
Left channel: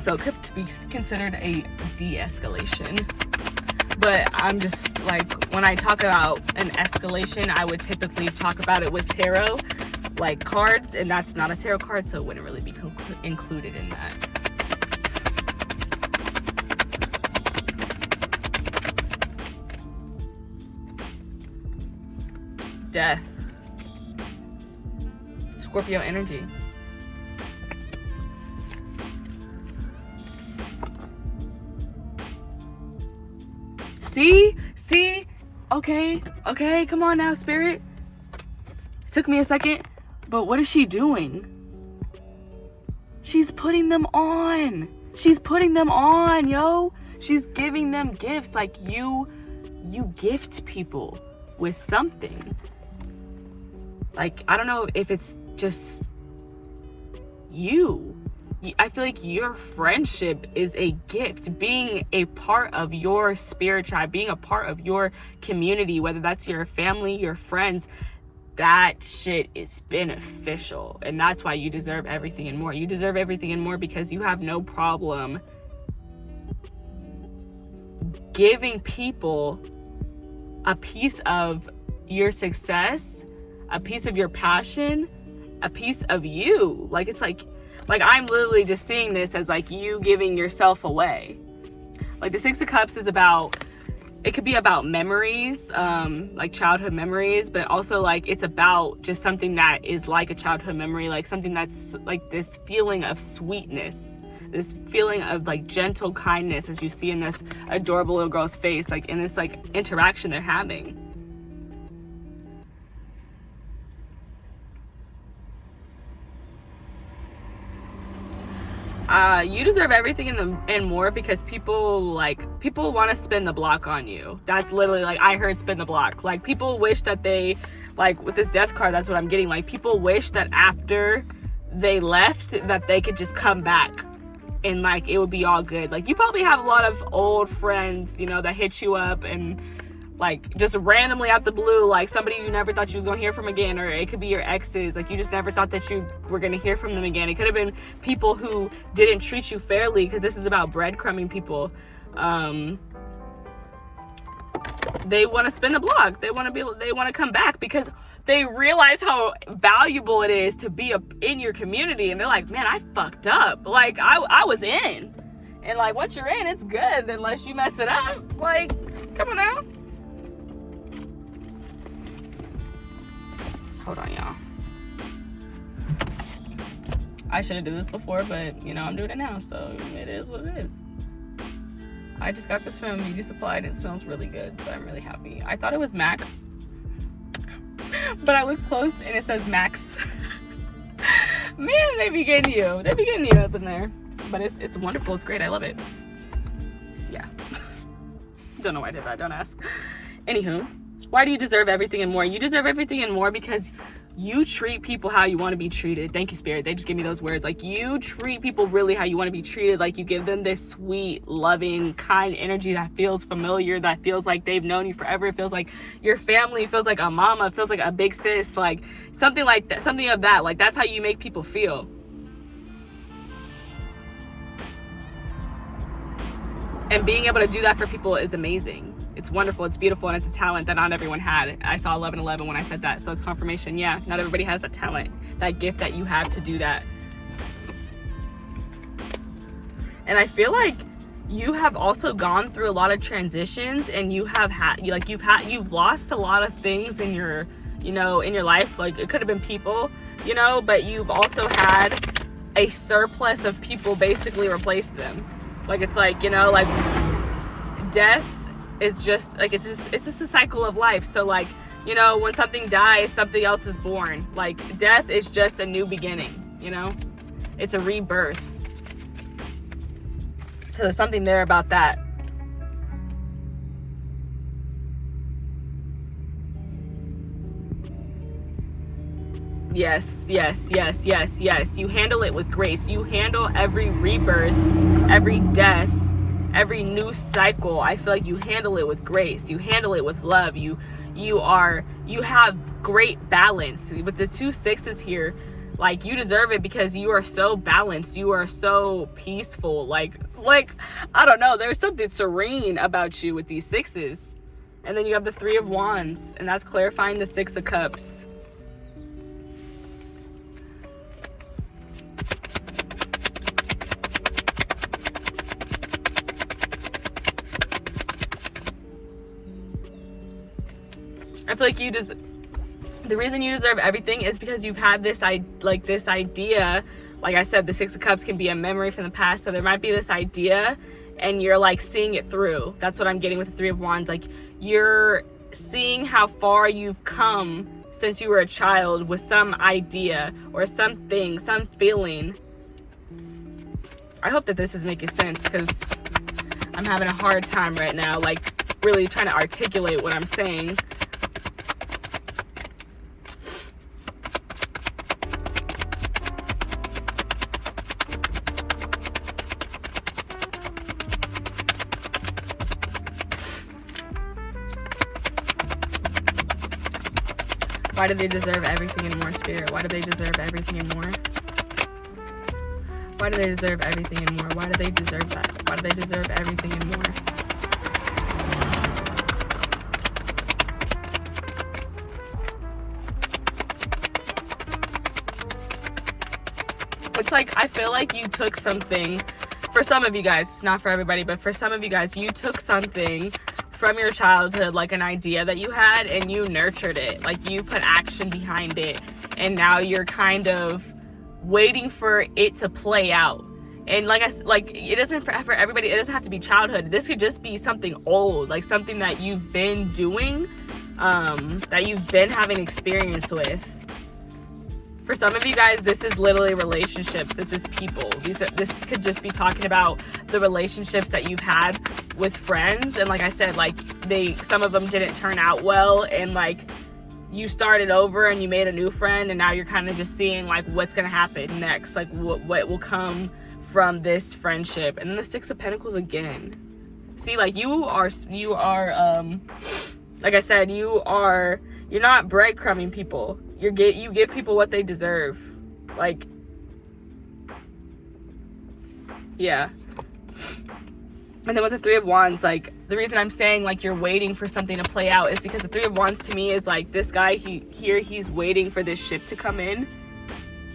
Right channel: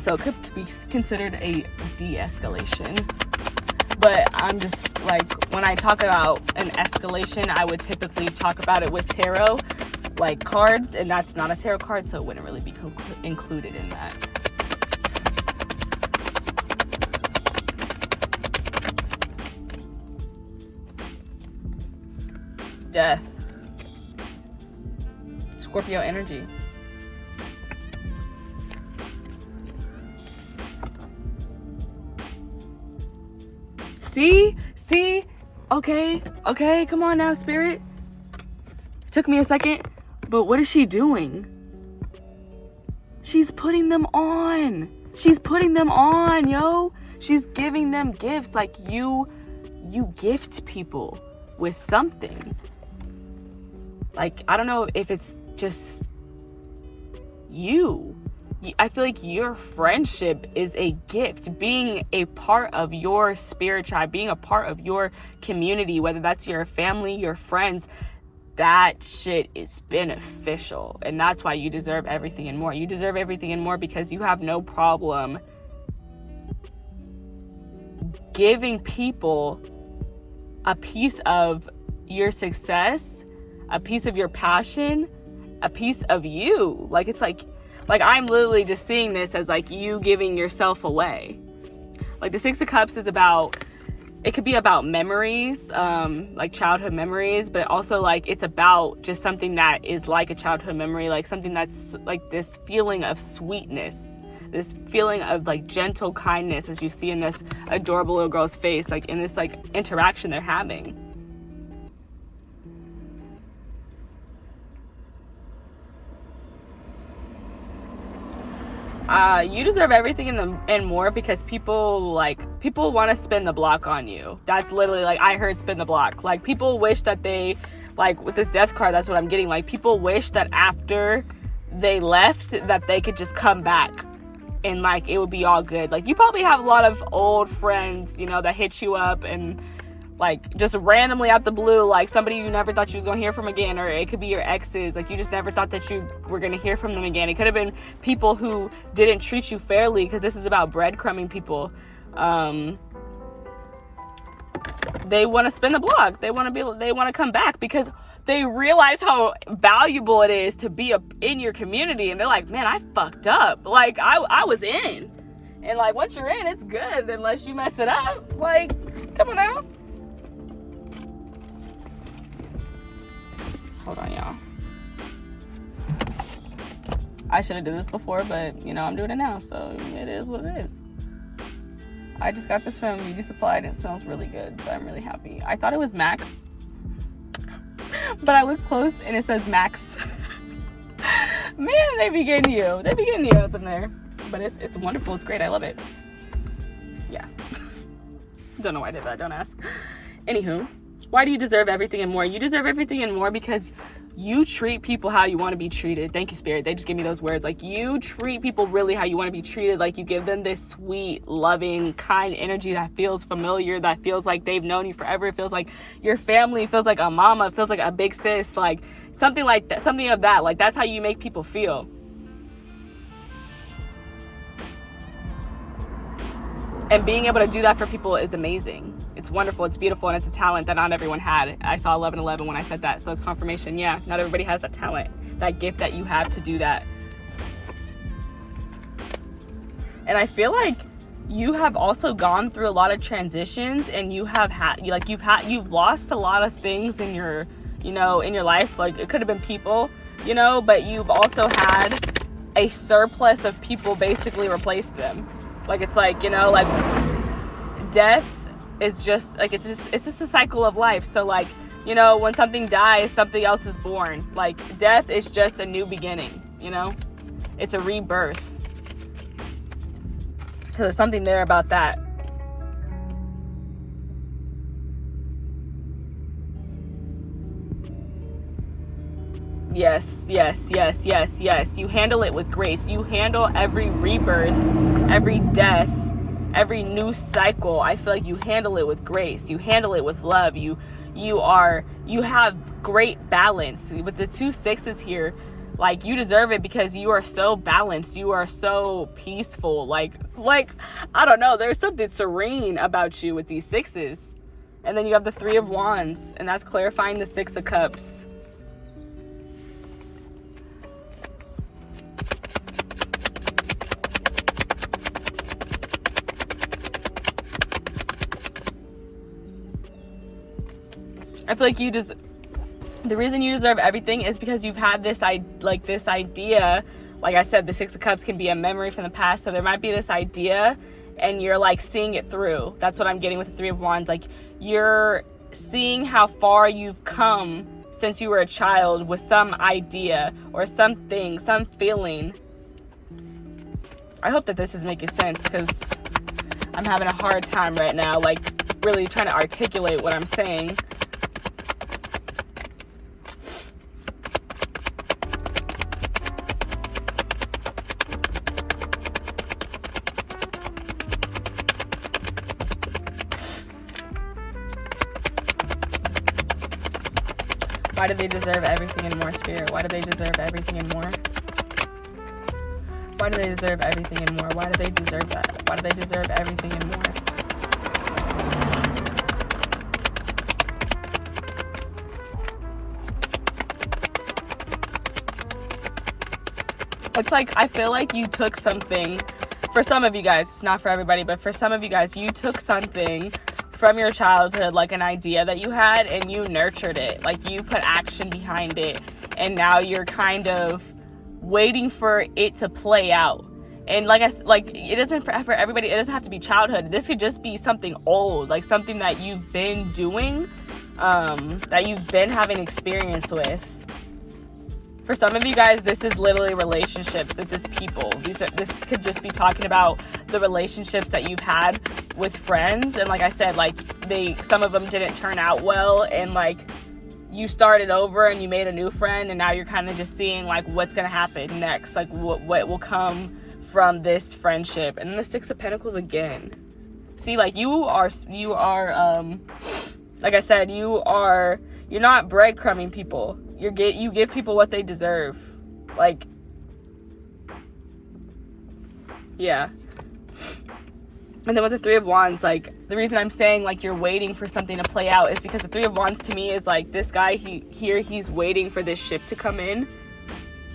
So it could be considered a de-escalation. But I'm just like, when I talk about an escalation, I would typically talk about it with tarot. like cards, and that's not a tarot card, so it wouldn't really be included in that. Death. Scorpio energy. See? Okay, come on now, Spirit. Took me a second, but what is she doing? She's putting them on. Yo. She's giving them gifts. Like, you gift people with something. Like, I don't know if it's just you. I feel like your friendship is a gift. Being a part of your spirit tribe, being a part of your community, whether that's your family, your friends, that shit is beneficial. And that's why you deserve everything and more. You deserve everything and more because you have no problem giving people a piece of your success, a piece of your passion, a piece of you. Like, it's like I'm literally just seeing this as like you giving yourself away. Like, the Six of Cups is about, it could be about memories, like childhood memories, but also like it's about just something that is like a childhood memory, like something that's like this feeling of sweetness, this feeling of like gentle kindness as you see in this adorable little girl's face, like in this like interaction they're having. You deserve everything and more because people want to spin the block on you. That's literally, like, I heard spin the block. Like, people wish that they, like, with this death card, that's what I'm getting. Like, people wish that after they left that they could just come back and, like, it would be all good. Like, you probably have a lot of old friends, you know, that hit you up and, like, just randomly out the blue, like somebody you never thought you was gonna hear from again, or it could be your exes, like you just never thought that you were gonna hear from them again. It could have been people who didn't treat you fairly, because this is about breadcrumbing people. They want to spin a block. They want to come back because they realize how valuable it is to be in your community, and they're like, man, I fucked up. Like, I was in, and like once you're in, it's good unless you mess it up. Like, come on now. Hold on, y'all. I should have done this before, but, you know, I'm doing it now, so it is what it is. I just got this from Beauty Supply, and it smells really good, so I'm really happy. I thought it was MAC, but I looked close, and it says Max. Man, they be getting you. They be getting you up in there. But it's wonderful. It's great. I love it. Yeah. Don't know why I did that. Don't ask. Anywho. Why do you deserve everything and more? You deserve everything and more because you treat people how you want to be treated. Thank you, Spirit. They just give me those words. Like, you treat people really how you want to be treated. Like, you give them this sweet, loving, kind energy that feels familiar, that feels like they've known you forever. It feels like your family, it feels like a mama, it feels like a big sis, like something like that, something of that. Like, that's how you make people feel. And being able to do that for people is amazing. It's wonderful, it's beautiful, and it's a talent that not everyone had. I saw 11:11 when I said that, so it's confirmation. Yeah, not everybody has that talent, that gift that you have to do that. And I feel like you have also gone through a lot of transitions, and you have you've lost a lot of things in your, you know, in your life. Like, it could have been people, you know, but you've also had a surplus of people basically replace them. Like, it's like, you know, like death is just like, it's just a cycle of life. So, like, you know, when something dies, something else is born. Like, death is just a new beginning, you know? It's a rebirth. So there's something there about that. Yes. You handle it with grace. You handle every rebirth, every death, every new cycle. I feel like you handle it with grace. You handle it with love. You have great balance. With the 2 6s here, like, you deserve it because you are so balanced. You are so peaceful. Like I don't know. There's something serene about you with these 6s. And then you have the 3 of Wands, and that's clarifying the 6 of Cups. I feel like the reason you deserve everything is because you've had this idea. Like I said, the Six of Cups can be a memory from the past. So there might be this idea and you're like seeing it through. That's what I'm getting with the Three of Wands. Like you're seeing how far you've come since you were a child with some idea or something, some feeling. I hope that this is making sense because I'm having a hard time right now, like really trying to articulate what I'm saying. Why do they deserve everything and more, Spirit? Why do they deserve everything and more? Why do they deserve everything and more? Why do they deserve that? Why do they deserve everything and more? It's like, I feel like you took something, for some of you guys, it's not for everybody, but for some of you guys, you took something from your childhood, like an idea that you had, and you nurtured it. Like you put action behind it, and now you're kind of waiting for it to play out. And like it isn't for everybody. It doesn't have to be childhood. This could just be something old, like something that you've been doing, that you've been having experience with. For some of you guys, this is literally relationships. This is people. This could just be talking about the relationships that you've had with friends. And like I said, like some of them didn't turn out well, and like you started over and you made a new friend, and now you're kind of just seeing like what's gonna happen next, like what will come from this friendship. And then the Six of Pentacles again. See, like you are like I said, you're not breadcrumbing people. You give people what they deserve. Like, yeah. And then with the Three of Wands, like, the reason I'm saying, like, you're waiting for something to play out is because the Three of Wands to me is, like, this guy, he's waiting for this ship to come in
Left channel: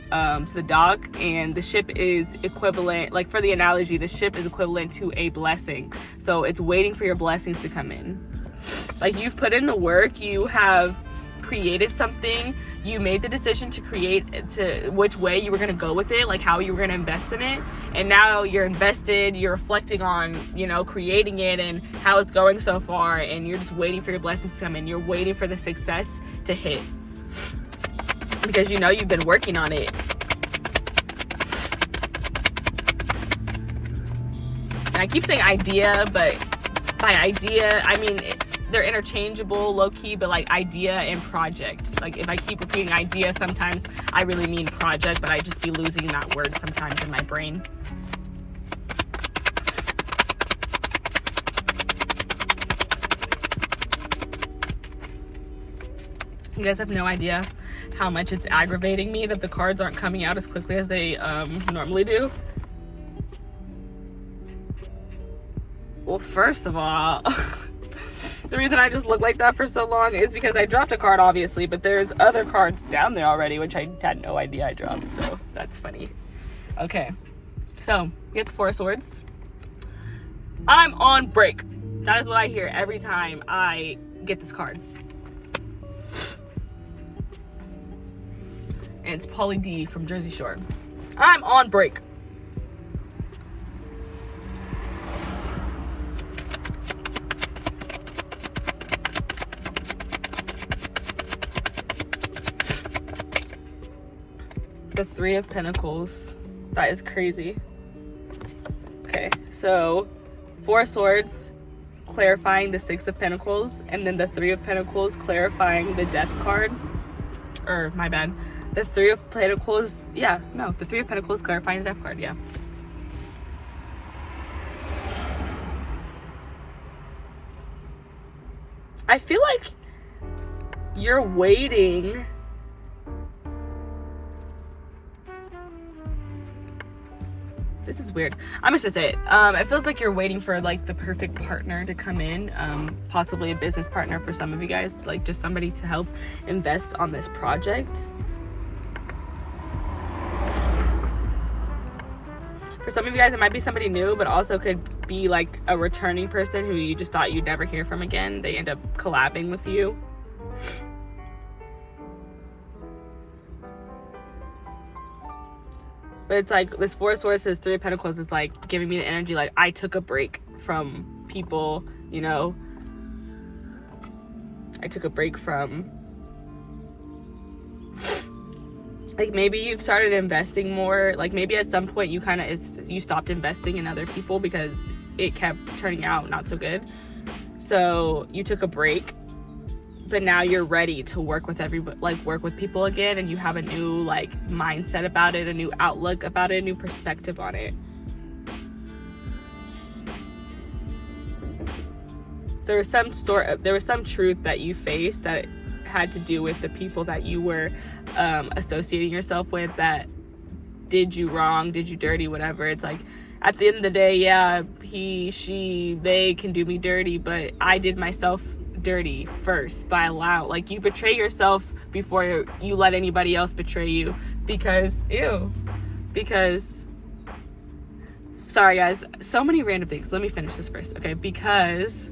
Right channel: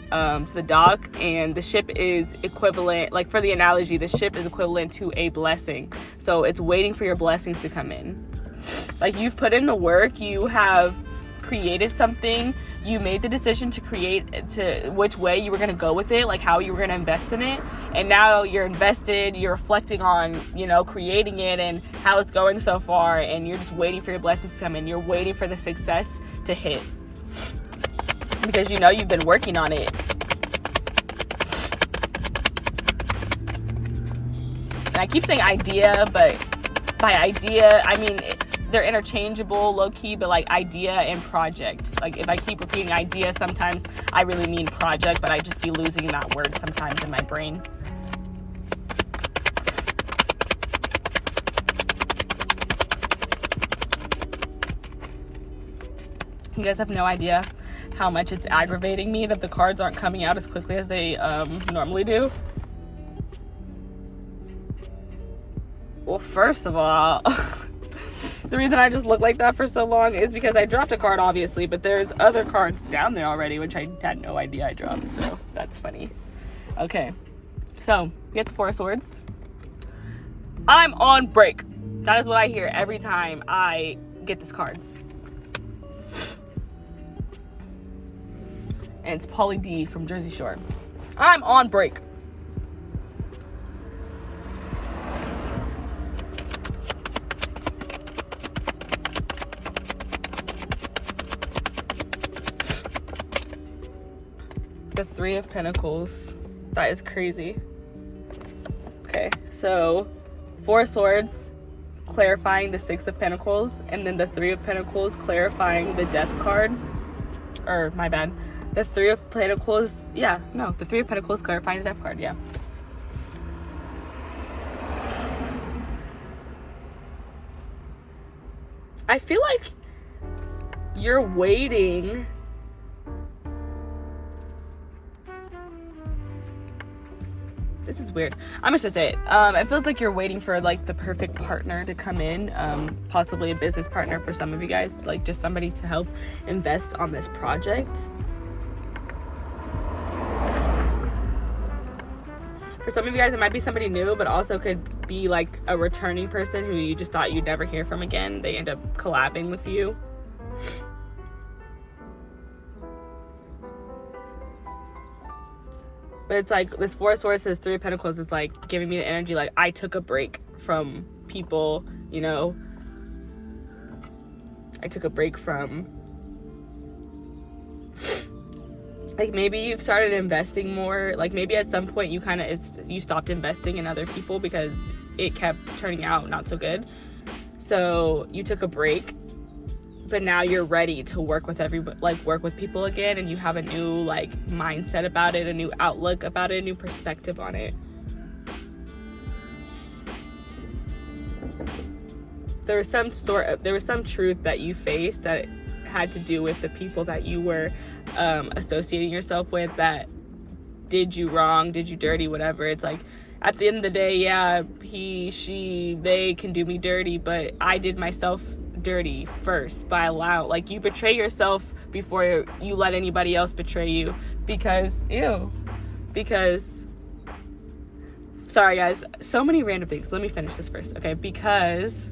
to the dock, and the ship is equivalent, like, for the analogy, the ship is equivalent to a blessing. So it's waiting for your blessings to come in. Like, you've put in the work, you have created something, you made the decision to which way you were going to go with it, like how you were going to invest in it, and now you're invested, you're reflecting on, creating it and how it's going so far, and you're just waiting for your blessings to come in. You're waiting for the success to hit because you've been working on it. And I keep saying idea, but by idea I mean they're interchangeable, low-key, but like idea and project. Like if I keep repeating idea, sometimes I really mean project, but I just be losing that word sometimes in my brain. You guys have no idea how much it's aggravating me that the cards aren't coming out as quickly as they normally do. Well, first of all, the reason I just look like that for so long is because I dropped a card, obviously, but there's other cards down there already, which I had no idea I dropped, so that's funny. Okay, so we get the Four of Swords. I'm on break. That is what I hear every time I get this card. And it's Pauly D from Jersey Shore. I'm on break. The Three of Pentacles. That is crazy. Okay, so Four of Swords clarifying the Six of Pentacles, and then the Three of Pentacles clarifying the Death card. Or my bad. The Three of Pentacles, the Three of Pentacles clarifying the Death card, yeah. I feel like you're waiting. This is weird. I'm just gonna say it. It feels like you're waiting for like the perfect partner to come in, possibly a business partner for some of you guys, like just somebody to help invest on this project. For some of you guys, it might be somebody new, but also could be like a returning person who you just thought you'd never hear from again. They end up collabing with you. But it's like this Four of Swords, this Three of Pentacles is like giving me the energy like I took a break from people, you know. I took a break from, like, maybe you've started investing more. Like maybe at some point you stopped investing in other people because it kept turning out not so good. So you took a break, but now you're ready to work with work with people again, and you have a new like mindset about it, a new outlook about it, a new perspective on it. There was some truth that you faced that had to do with the people that you were associating yourself with that did you wrong, did you dirty, whatever. It's like, at the end of the day, yeah, he, she, they can do me dirty, but I did myself dirty first by you betray yourself before you let anybody else betray you, because sorry guys, so many random things. Let me finish this first, okay? Because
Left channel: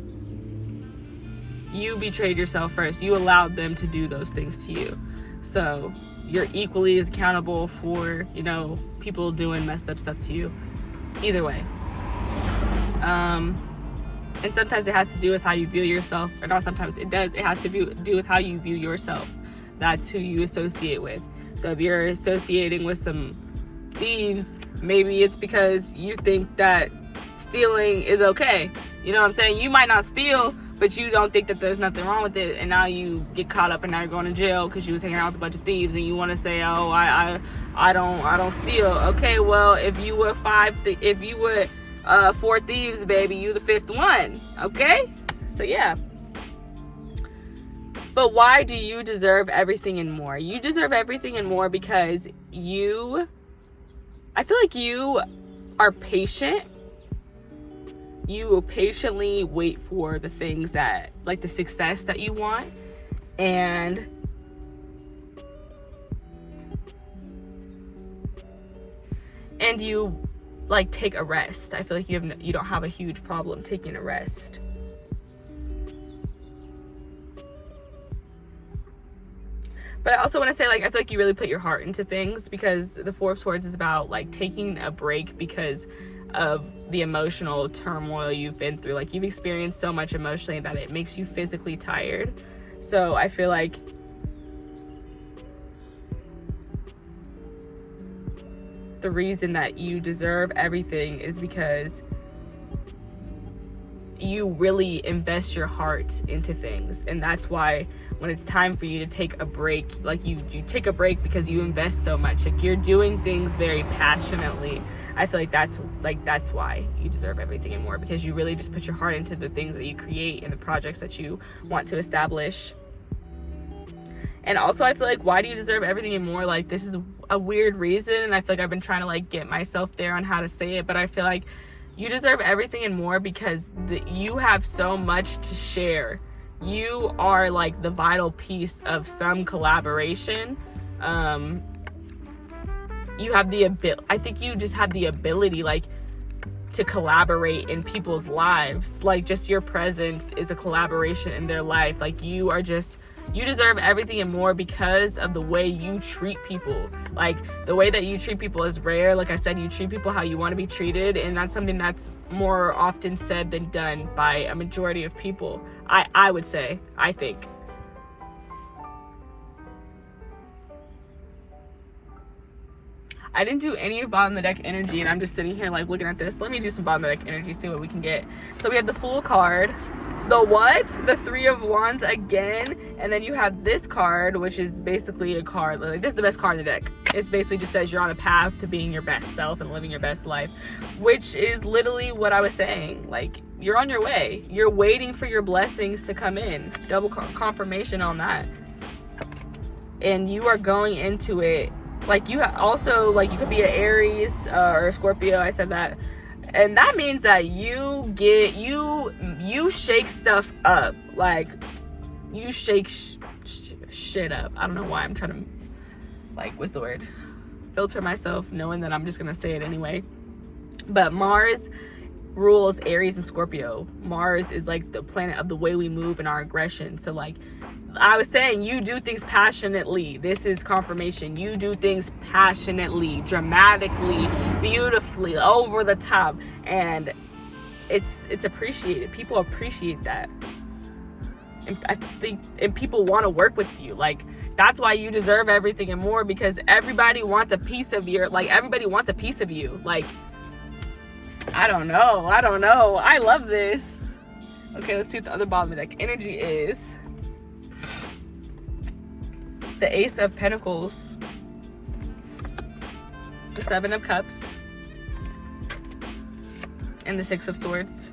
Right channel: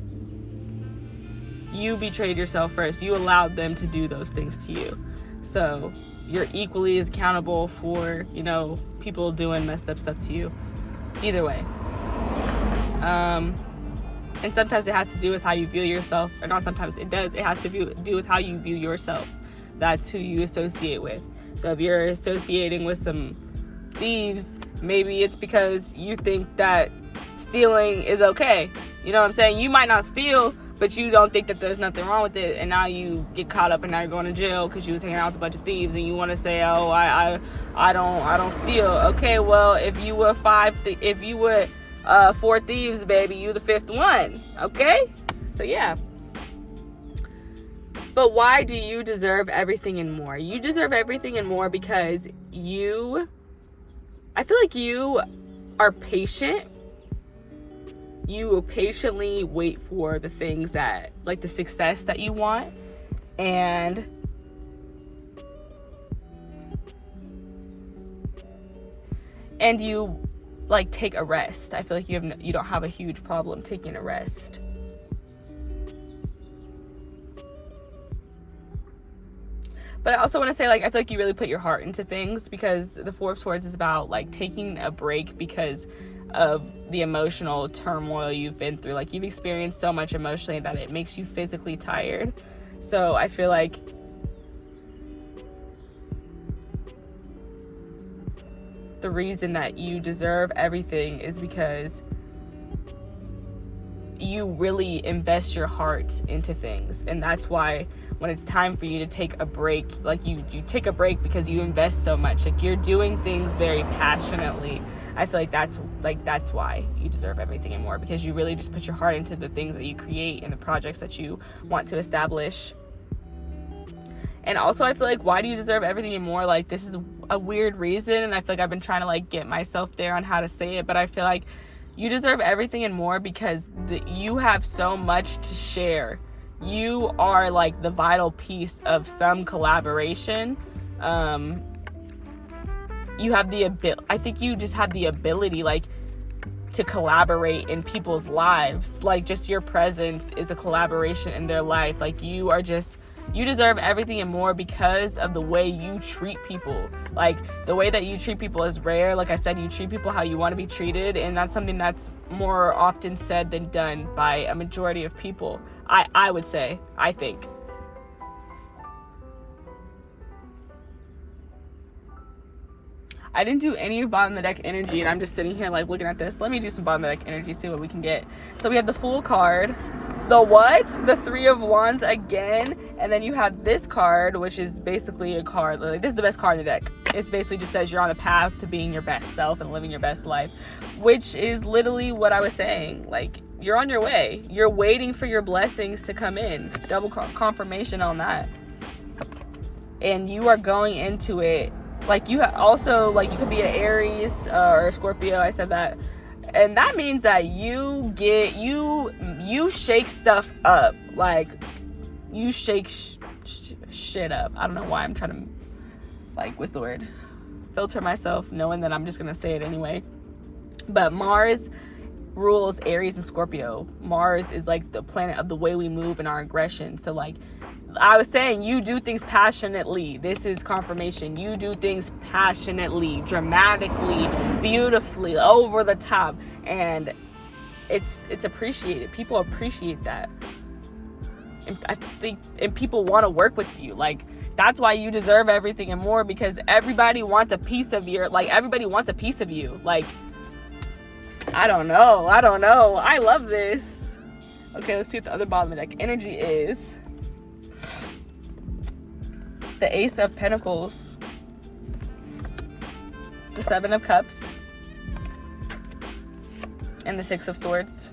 you betrayed yourself first. You allowed them to do those things to you. So you're equally as accountable for, you know, people doing messed up stuff to you. Either way. And sometimes it has to do with how you view yourself. Or not sometimes, it does. It has to do with how you view yourself. That's who you associate with. So if you're associating with some thieves, maybe it's because you think that stealing is okay. You know what I'm saying? You might not steal, but you don't think that there's nothing wrong with it, and now you get caught up and now you're going to jail because you was hanging out with a bunch of thieves, and you want to say, oh, I don't steal. Okay, well, if you were four thieves, baby, you the fifth one. Okay, so yeah. But why do you deserve everything and more? You deserve everything and more because I feel like you are patient. You will patiently wait for the things that, like, the success that you want, and you like take a rest. I feel like you don't have a huge problem taking a rest. But I also want to say, like, I feel like you really put your heart into things, because the Four of Swords is about, like, taking a break because of the emotional turmoil you've been through. Like, you've experienced so much emotionally that it makes you physically tired. So I feel like the reason that you deserve everything is because you really invest your heart into things. And that's why when it's time for you to take a break, like, you take a break because you invest so much. Like, you're doing things very passionately. I feel like that's why you deserve everything and more, because you really just put your heart into the things that you create and the projects that you want to establish. And also, I feel like, why do you deserve everything and more? Like, this is a weird reason, and I feel like I've been trying to, like, get myself there on how to say it, but I feel like you deserve everything and more because you have so much to share. You are, like, the vital piece of some collaboration. You have the ability, I think you just have the ability, like, to collaborate in people's lives. Like, just your presence is a collaboration in their life. Like, you deserve everything and more because of the way you treat people. Like, the way that you treat people is rare. Like I said, you treat people how you want to be treated, and that's something that's more often said than done by a majority of people. I would say, I think. I didn't do any of bottom of the deck energy, and I'm just sitting here, like, looking at this. Let me do some bottom of the deck energy, see what we can get. So we have the Fool card, the what? The Three of Wands again, and then you have this card, which is basically a card, like, this is the best card in the deck. It basically just says you're on the path to being your best self and living your best life, which is literally what I was saying. Like, you're on your way. You're waiting for your blessings to come in. Double confirmation on that. And you are going into it. Like, you also, like, you could be an Aries or a Scorpio. I said that. And that means that you shake stuff up. Like, you shake shit up. I don't know why I'm trying to, like, what's the word? Filter myself, knowing that I'm just going to say it anyway. But Mars rules Aries and Scorpio. Mars is, like, the planet of the way we move and our aggression. So, like I was saying, you do things passionately. This is confirmation. You do things passionately, dramatically, beautifully, over the top. And it's appreciated. People appreciate that. And I think, and people want to work with you. Like, that's why you deserve everything and more, because everybody wants a piece of you. Like, everybody wants a piece of you. Like, I don't know. I love this. Okay, let's see what the other bottom of the deck energy is. The Ace of Pentacles, the Seven of Cups, and the Six of Swords.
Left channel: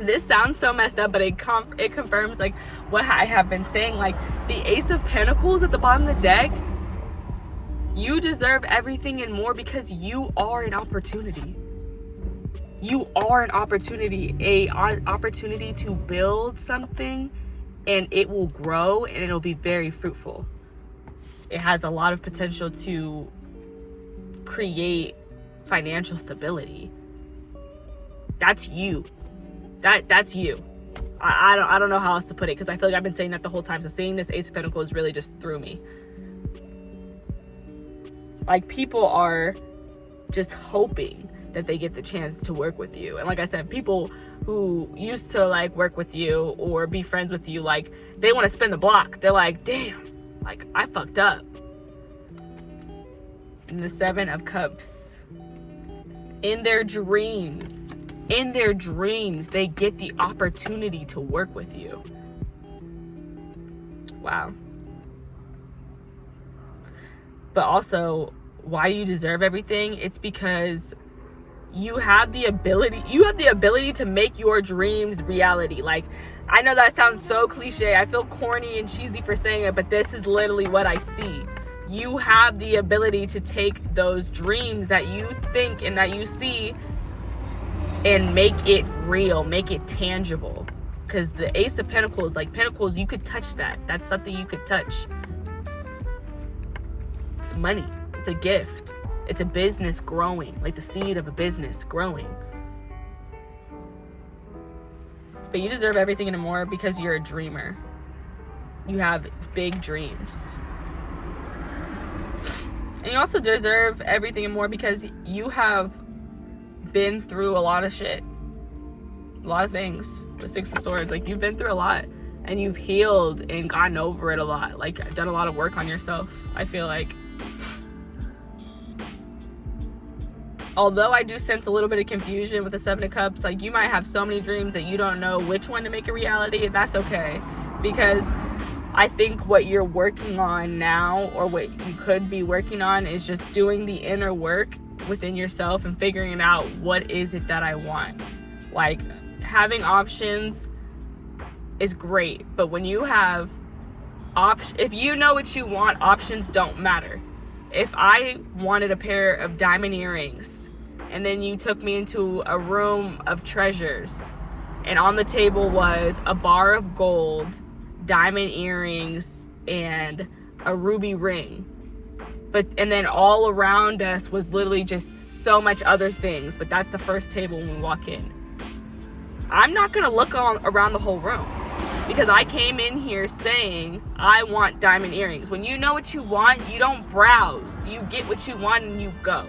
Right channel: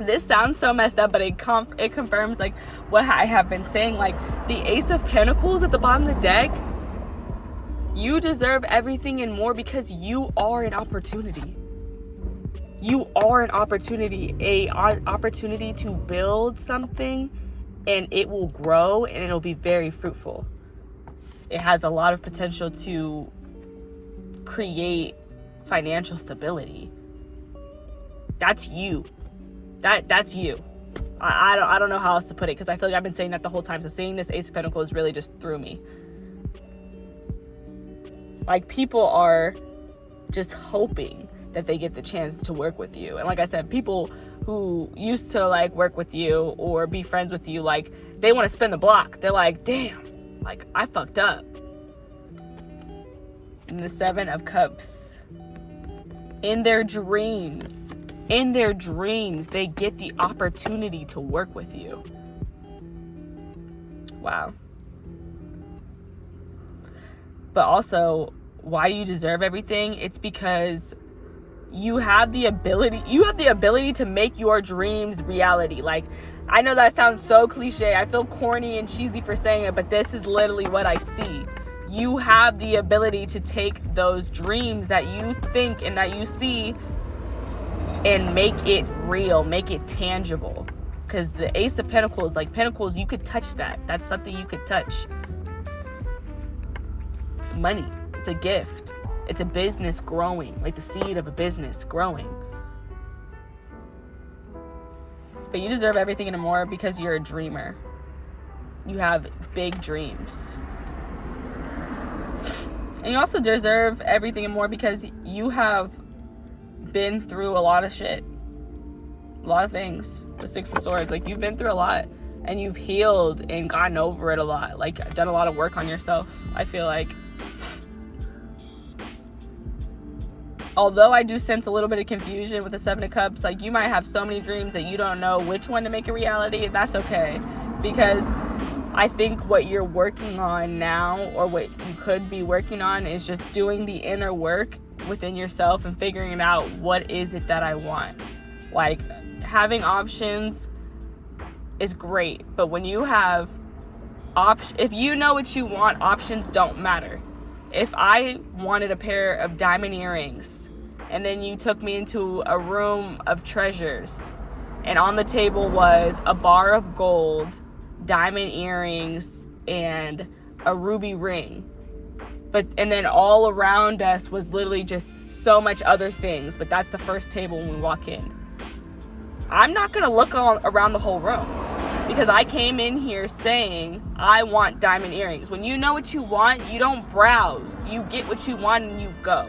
This sounds so messed up, but it confirms like what I have been saying. Like, the Ace of Pentacles at the bottom of the deck, you deserve everything and more, because you are an opportunity. You are an opportunity, opportunity to build something, and it will grow and it'll be very fruitful. It has a lot of potential to create financial stability. That's you. That's you. I don't know how else to put it, because I feel like I've been saying that the whole time. So seeing this Ace of Pentacles really just threw me. Like, people are just hoping that they get the chance to work with you. And like I said, people who used to like work with you or be friends with you, like, they want to spin the block. They're like, damn, like, I fucked up. And the Seven of Cups. In their dreams, they get the opportunity to work with you. Wow. But also, why you deserve everything, it's because you have the ability to make your dreams reality. Like, I know that sounds so cliche. I feel corny and cheesy for saying it, but this is literally what I see. You have the ability to take those dreams that you think and that you see and make it real, make it tangible. Because the Ace of Pentacles, like Pentacles, you could touch that. That's something you could touch. It's money. It's a gift. It's a business growing, like the seed of a business growing. But you deserve everything and more, because you're a dreamer. You have big dreams. And you also deserve everything and more because you have been through a lot of shit. A lot of things. The Six of Swords. Like, you've been through a lot. And you've healed and gotten over it a lot. Like, done a lot of work on yourself, I feel like. Although I do sense a little bit of confusion with the Seven of Cups. Like, you might have so many dreams that you don't know which one to make a reality. That's okay. Because I think what you're working on now, or what you could be working on, is just doing the inner work within yourself and figuring out, what is it that I want? Like, having options is great, but when you have if you know what you want, options don't matter. If I wanted a pair of diamond earrings, and then you took me into a room of treasures, and on the table was a bar of gold, diamond earrings, and a ruby ring, and then all around us was literally just so much other things, but that's the first table when we walk in, I'm not gonna look around the whole room, because I came in here saying I want diamond earrings. When you know what you want, you don't browse. You get what you want and you go.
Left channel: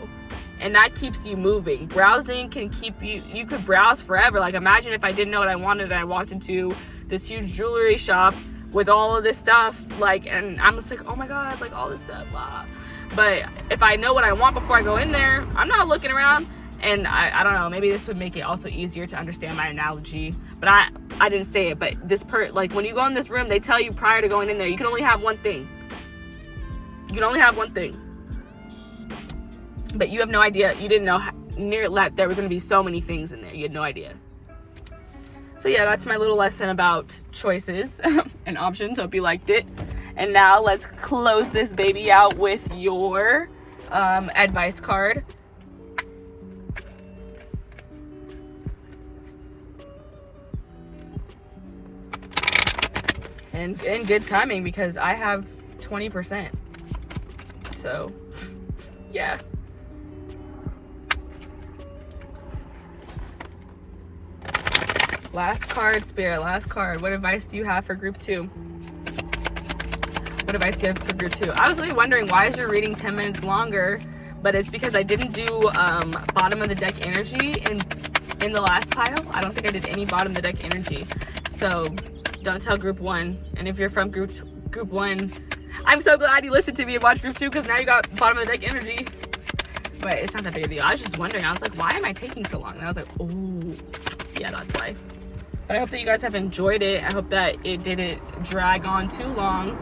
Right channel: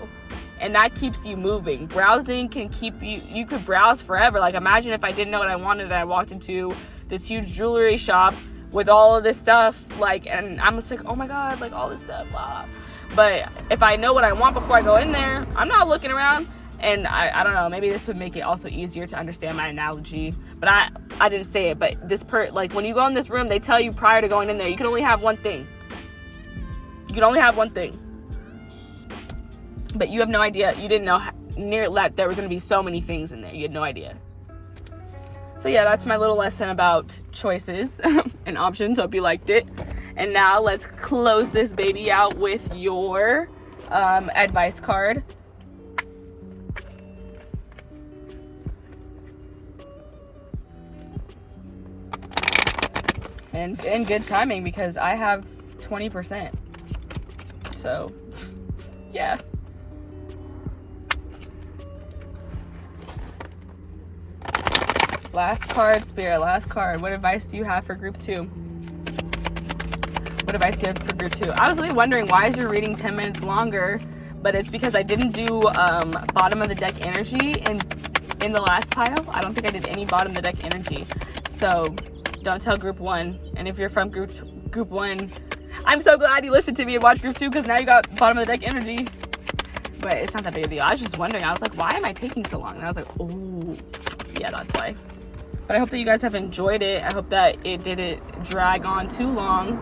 And that keeps you moving. Browsing can keep you could browse forever. Like, imagine if I didn't know what I wanted and I walked into this huge jewelry shop with all of this stuff, like, and I'm just like, oh my God, like, all this stuff, blah. But if I know what I want before I go in there, I'm not looking around. And I don't know, maybe this would make it also easier to understand my analogy. But I didn't say it, but like, when you go in this room, they tell you prior to going in there, you can only have one thing. You can only have one thing. But you have no idea, you didn't know that there was going to be so many things in there. You had no idea. So yeah, that's my little lesson about choices and options. Hope you liked it. And now let's close this baby out with your advice card. And in good timing because I have 20%. So, yeah. Last card, Spirit. Last card. What advice do you have for group 2? What advice do you have for group 2? I was really wondering, why is your reading 10 minutes longer? But it's because I didn't do bottom of the deck energy in the last pile. I don't think I did any bottom of the deck energy. So don't tell group 1. And if you're from group 1, I'm so glad you listened to me and watched group 2 because now you got bottom of the deck energy. But it's not that big of a deal. I was just wondering. I was like, why am I taking so long? And I was like, oh, yeah, that's why. But I hope that you guys have enjoyed it. I hope that it didn't drag on too long.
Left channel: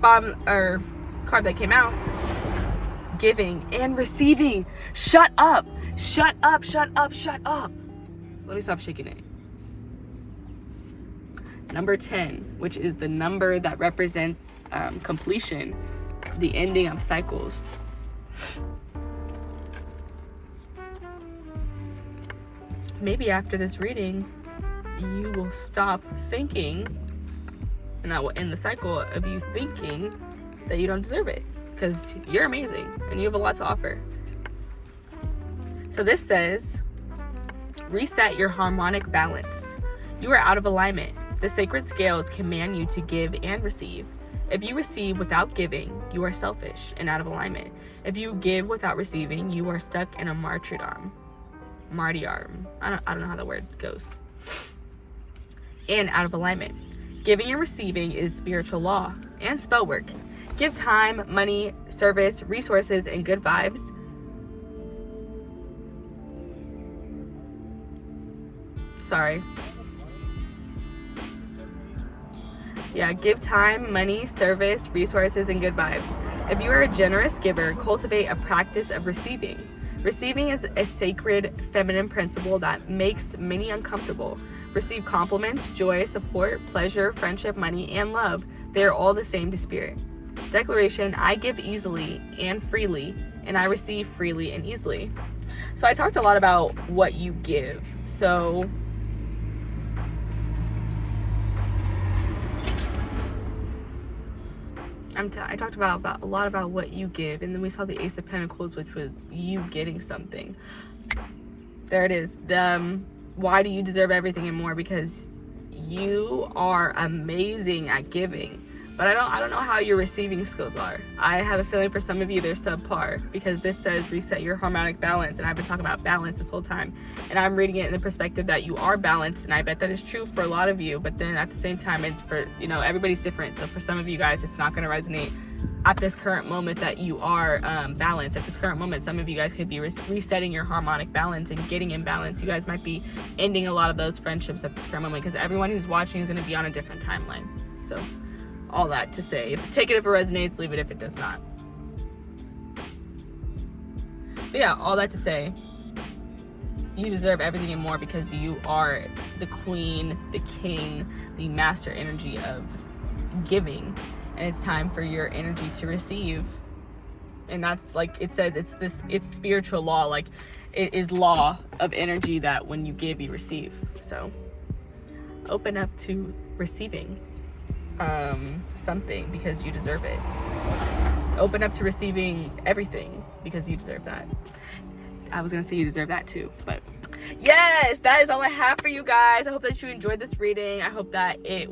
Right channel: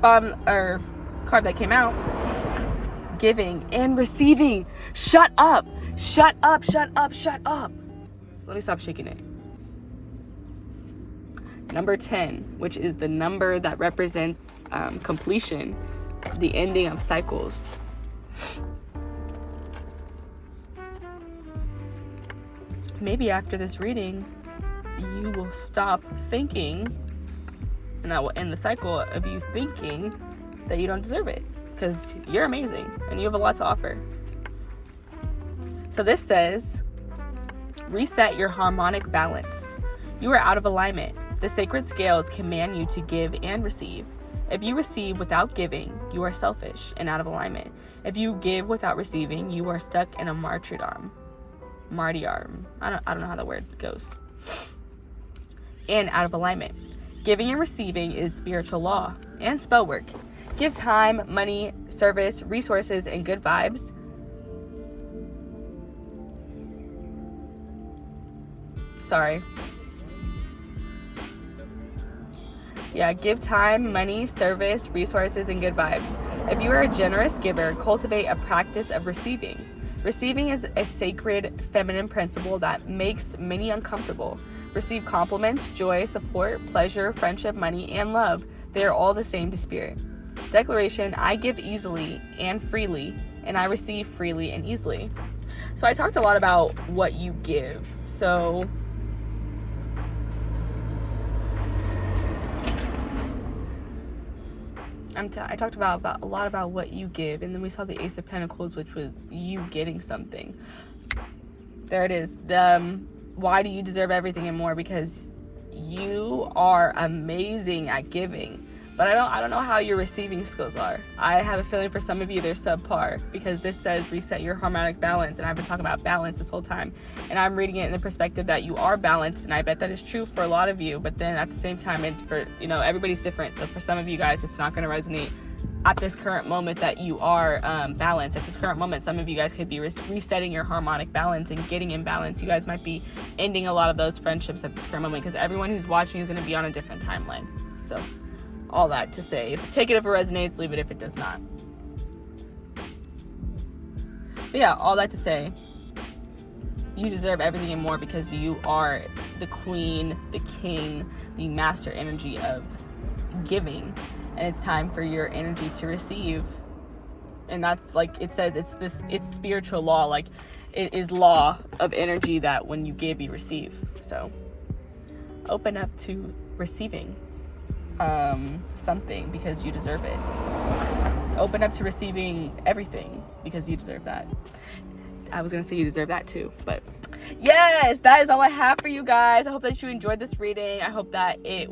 Card that came out, giving and receiving. Shut up. Shut up, shut up, shut up. Let me stop shaking it. Number 10, which is the number that represents completion, the ending of cycles. Maybe after this reading, you will stop thinking, and that will end the cycle of you thinking that you don't deserve it, because you're amazing and you have a lot to offer. So this says, reset your harmonic balance. You are out of alignment. The sacred scales command you to give and receive. If you receive without giving, you are selfish and out of alignment. If you give without receiving, you are stuck in a martyrdom. I don't know how the word goes. And out of alignment. Giving and receiving is spiritual law and spell work. Give time, money, service, resources, and good vibes. Give time, money, service, resources, and good vibes. If you are a generous giver, cultivate a practice of receiving. Receiving is a sacred feminine principle that makes many uncomfortable. Receive compliments, joy, support, pleasure, friendship, money, and love. They are all the same to spirit. Declaration, I give easily and freely, and I receive freely and easily. So I talked a lot about what you give. So I talked about a lot about what you give, and then we saw the Ace of Pentacles, which was you getting something. There it is. Why do you deserve everything and more? Because you are amazing at giving. But I don't know how your receiving skills are. I have a feeling for some of you they're subpar, because this says reset your harmonic balance, and I've been talking about balance this whole time, and I'm reading it in the perspective that you are balanced, and I bet that is true for a lot of you. But then at the same time, everybody's different. So for some of you guys, it's not going to resonate at this current moment that you are balanced. At this current moment, some of you guys could be resetting your harmonic balance and getting in balance. You guys might be ending a lot of those friendships at this current moment, because everyone who's watching is going to be on a different timeline. So all that to say, take it if it resonates, leave it if it does not. But yeah, all that to say, you deserve everything and more, because you are the queen, the king, the master energy of giving, and it's time for your energy to receive. And that's, like it says, it's spiritual law. Like, it is law of energy that when you give, you receive. So open up to receiving something, because you deserve it. Open up to receiving everything, because you deserve that. I was gonna say you deserve that too, but yes, that is all I have for you guys. I hope that you enjoyed this reading. I hope that it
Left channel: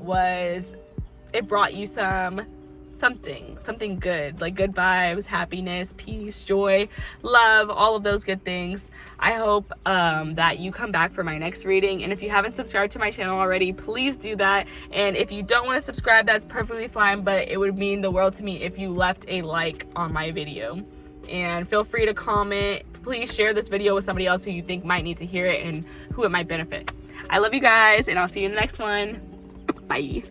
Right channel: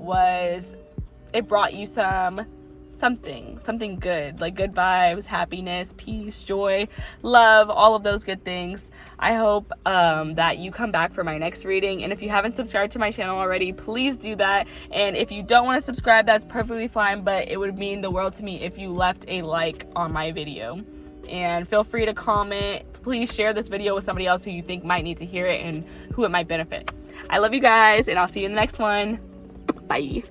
brought you something good, like good vibes, happiness, peace, joy, love, all of those good things. I hope that you come back for my next reading. And if you haven't subscribed to my channel already, please do that. And if you don't want to subscribe, that's perfectly fine, but it would mean the world to me if you left a like on my video. And feel free to comment. Please share this video with somebody else who you think might need to hear it and who it might benefit. I love you guys, and I'll see you in the next one. Bye.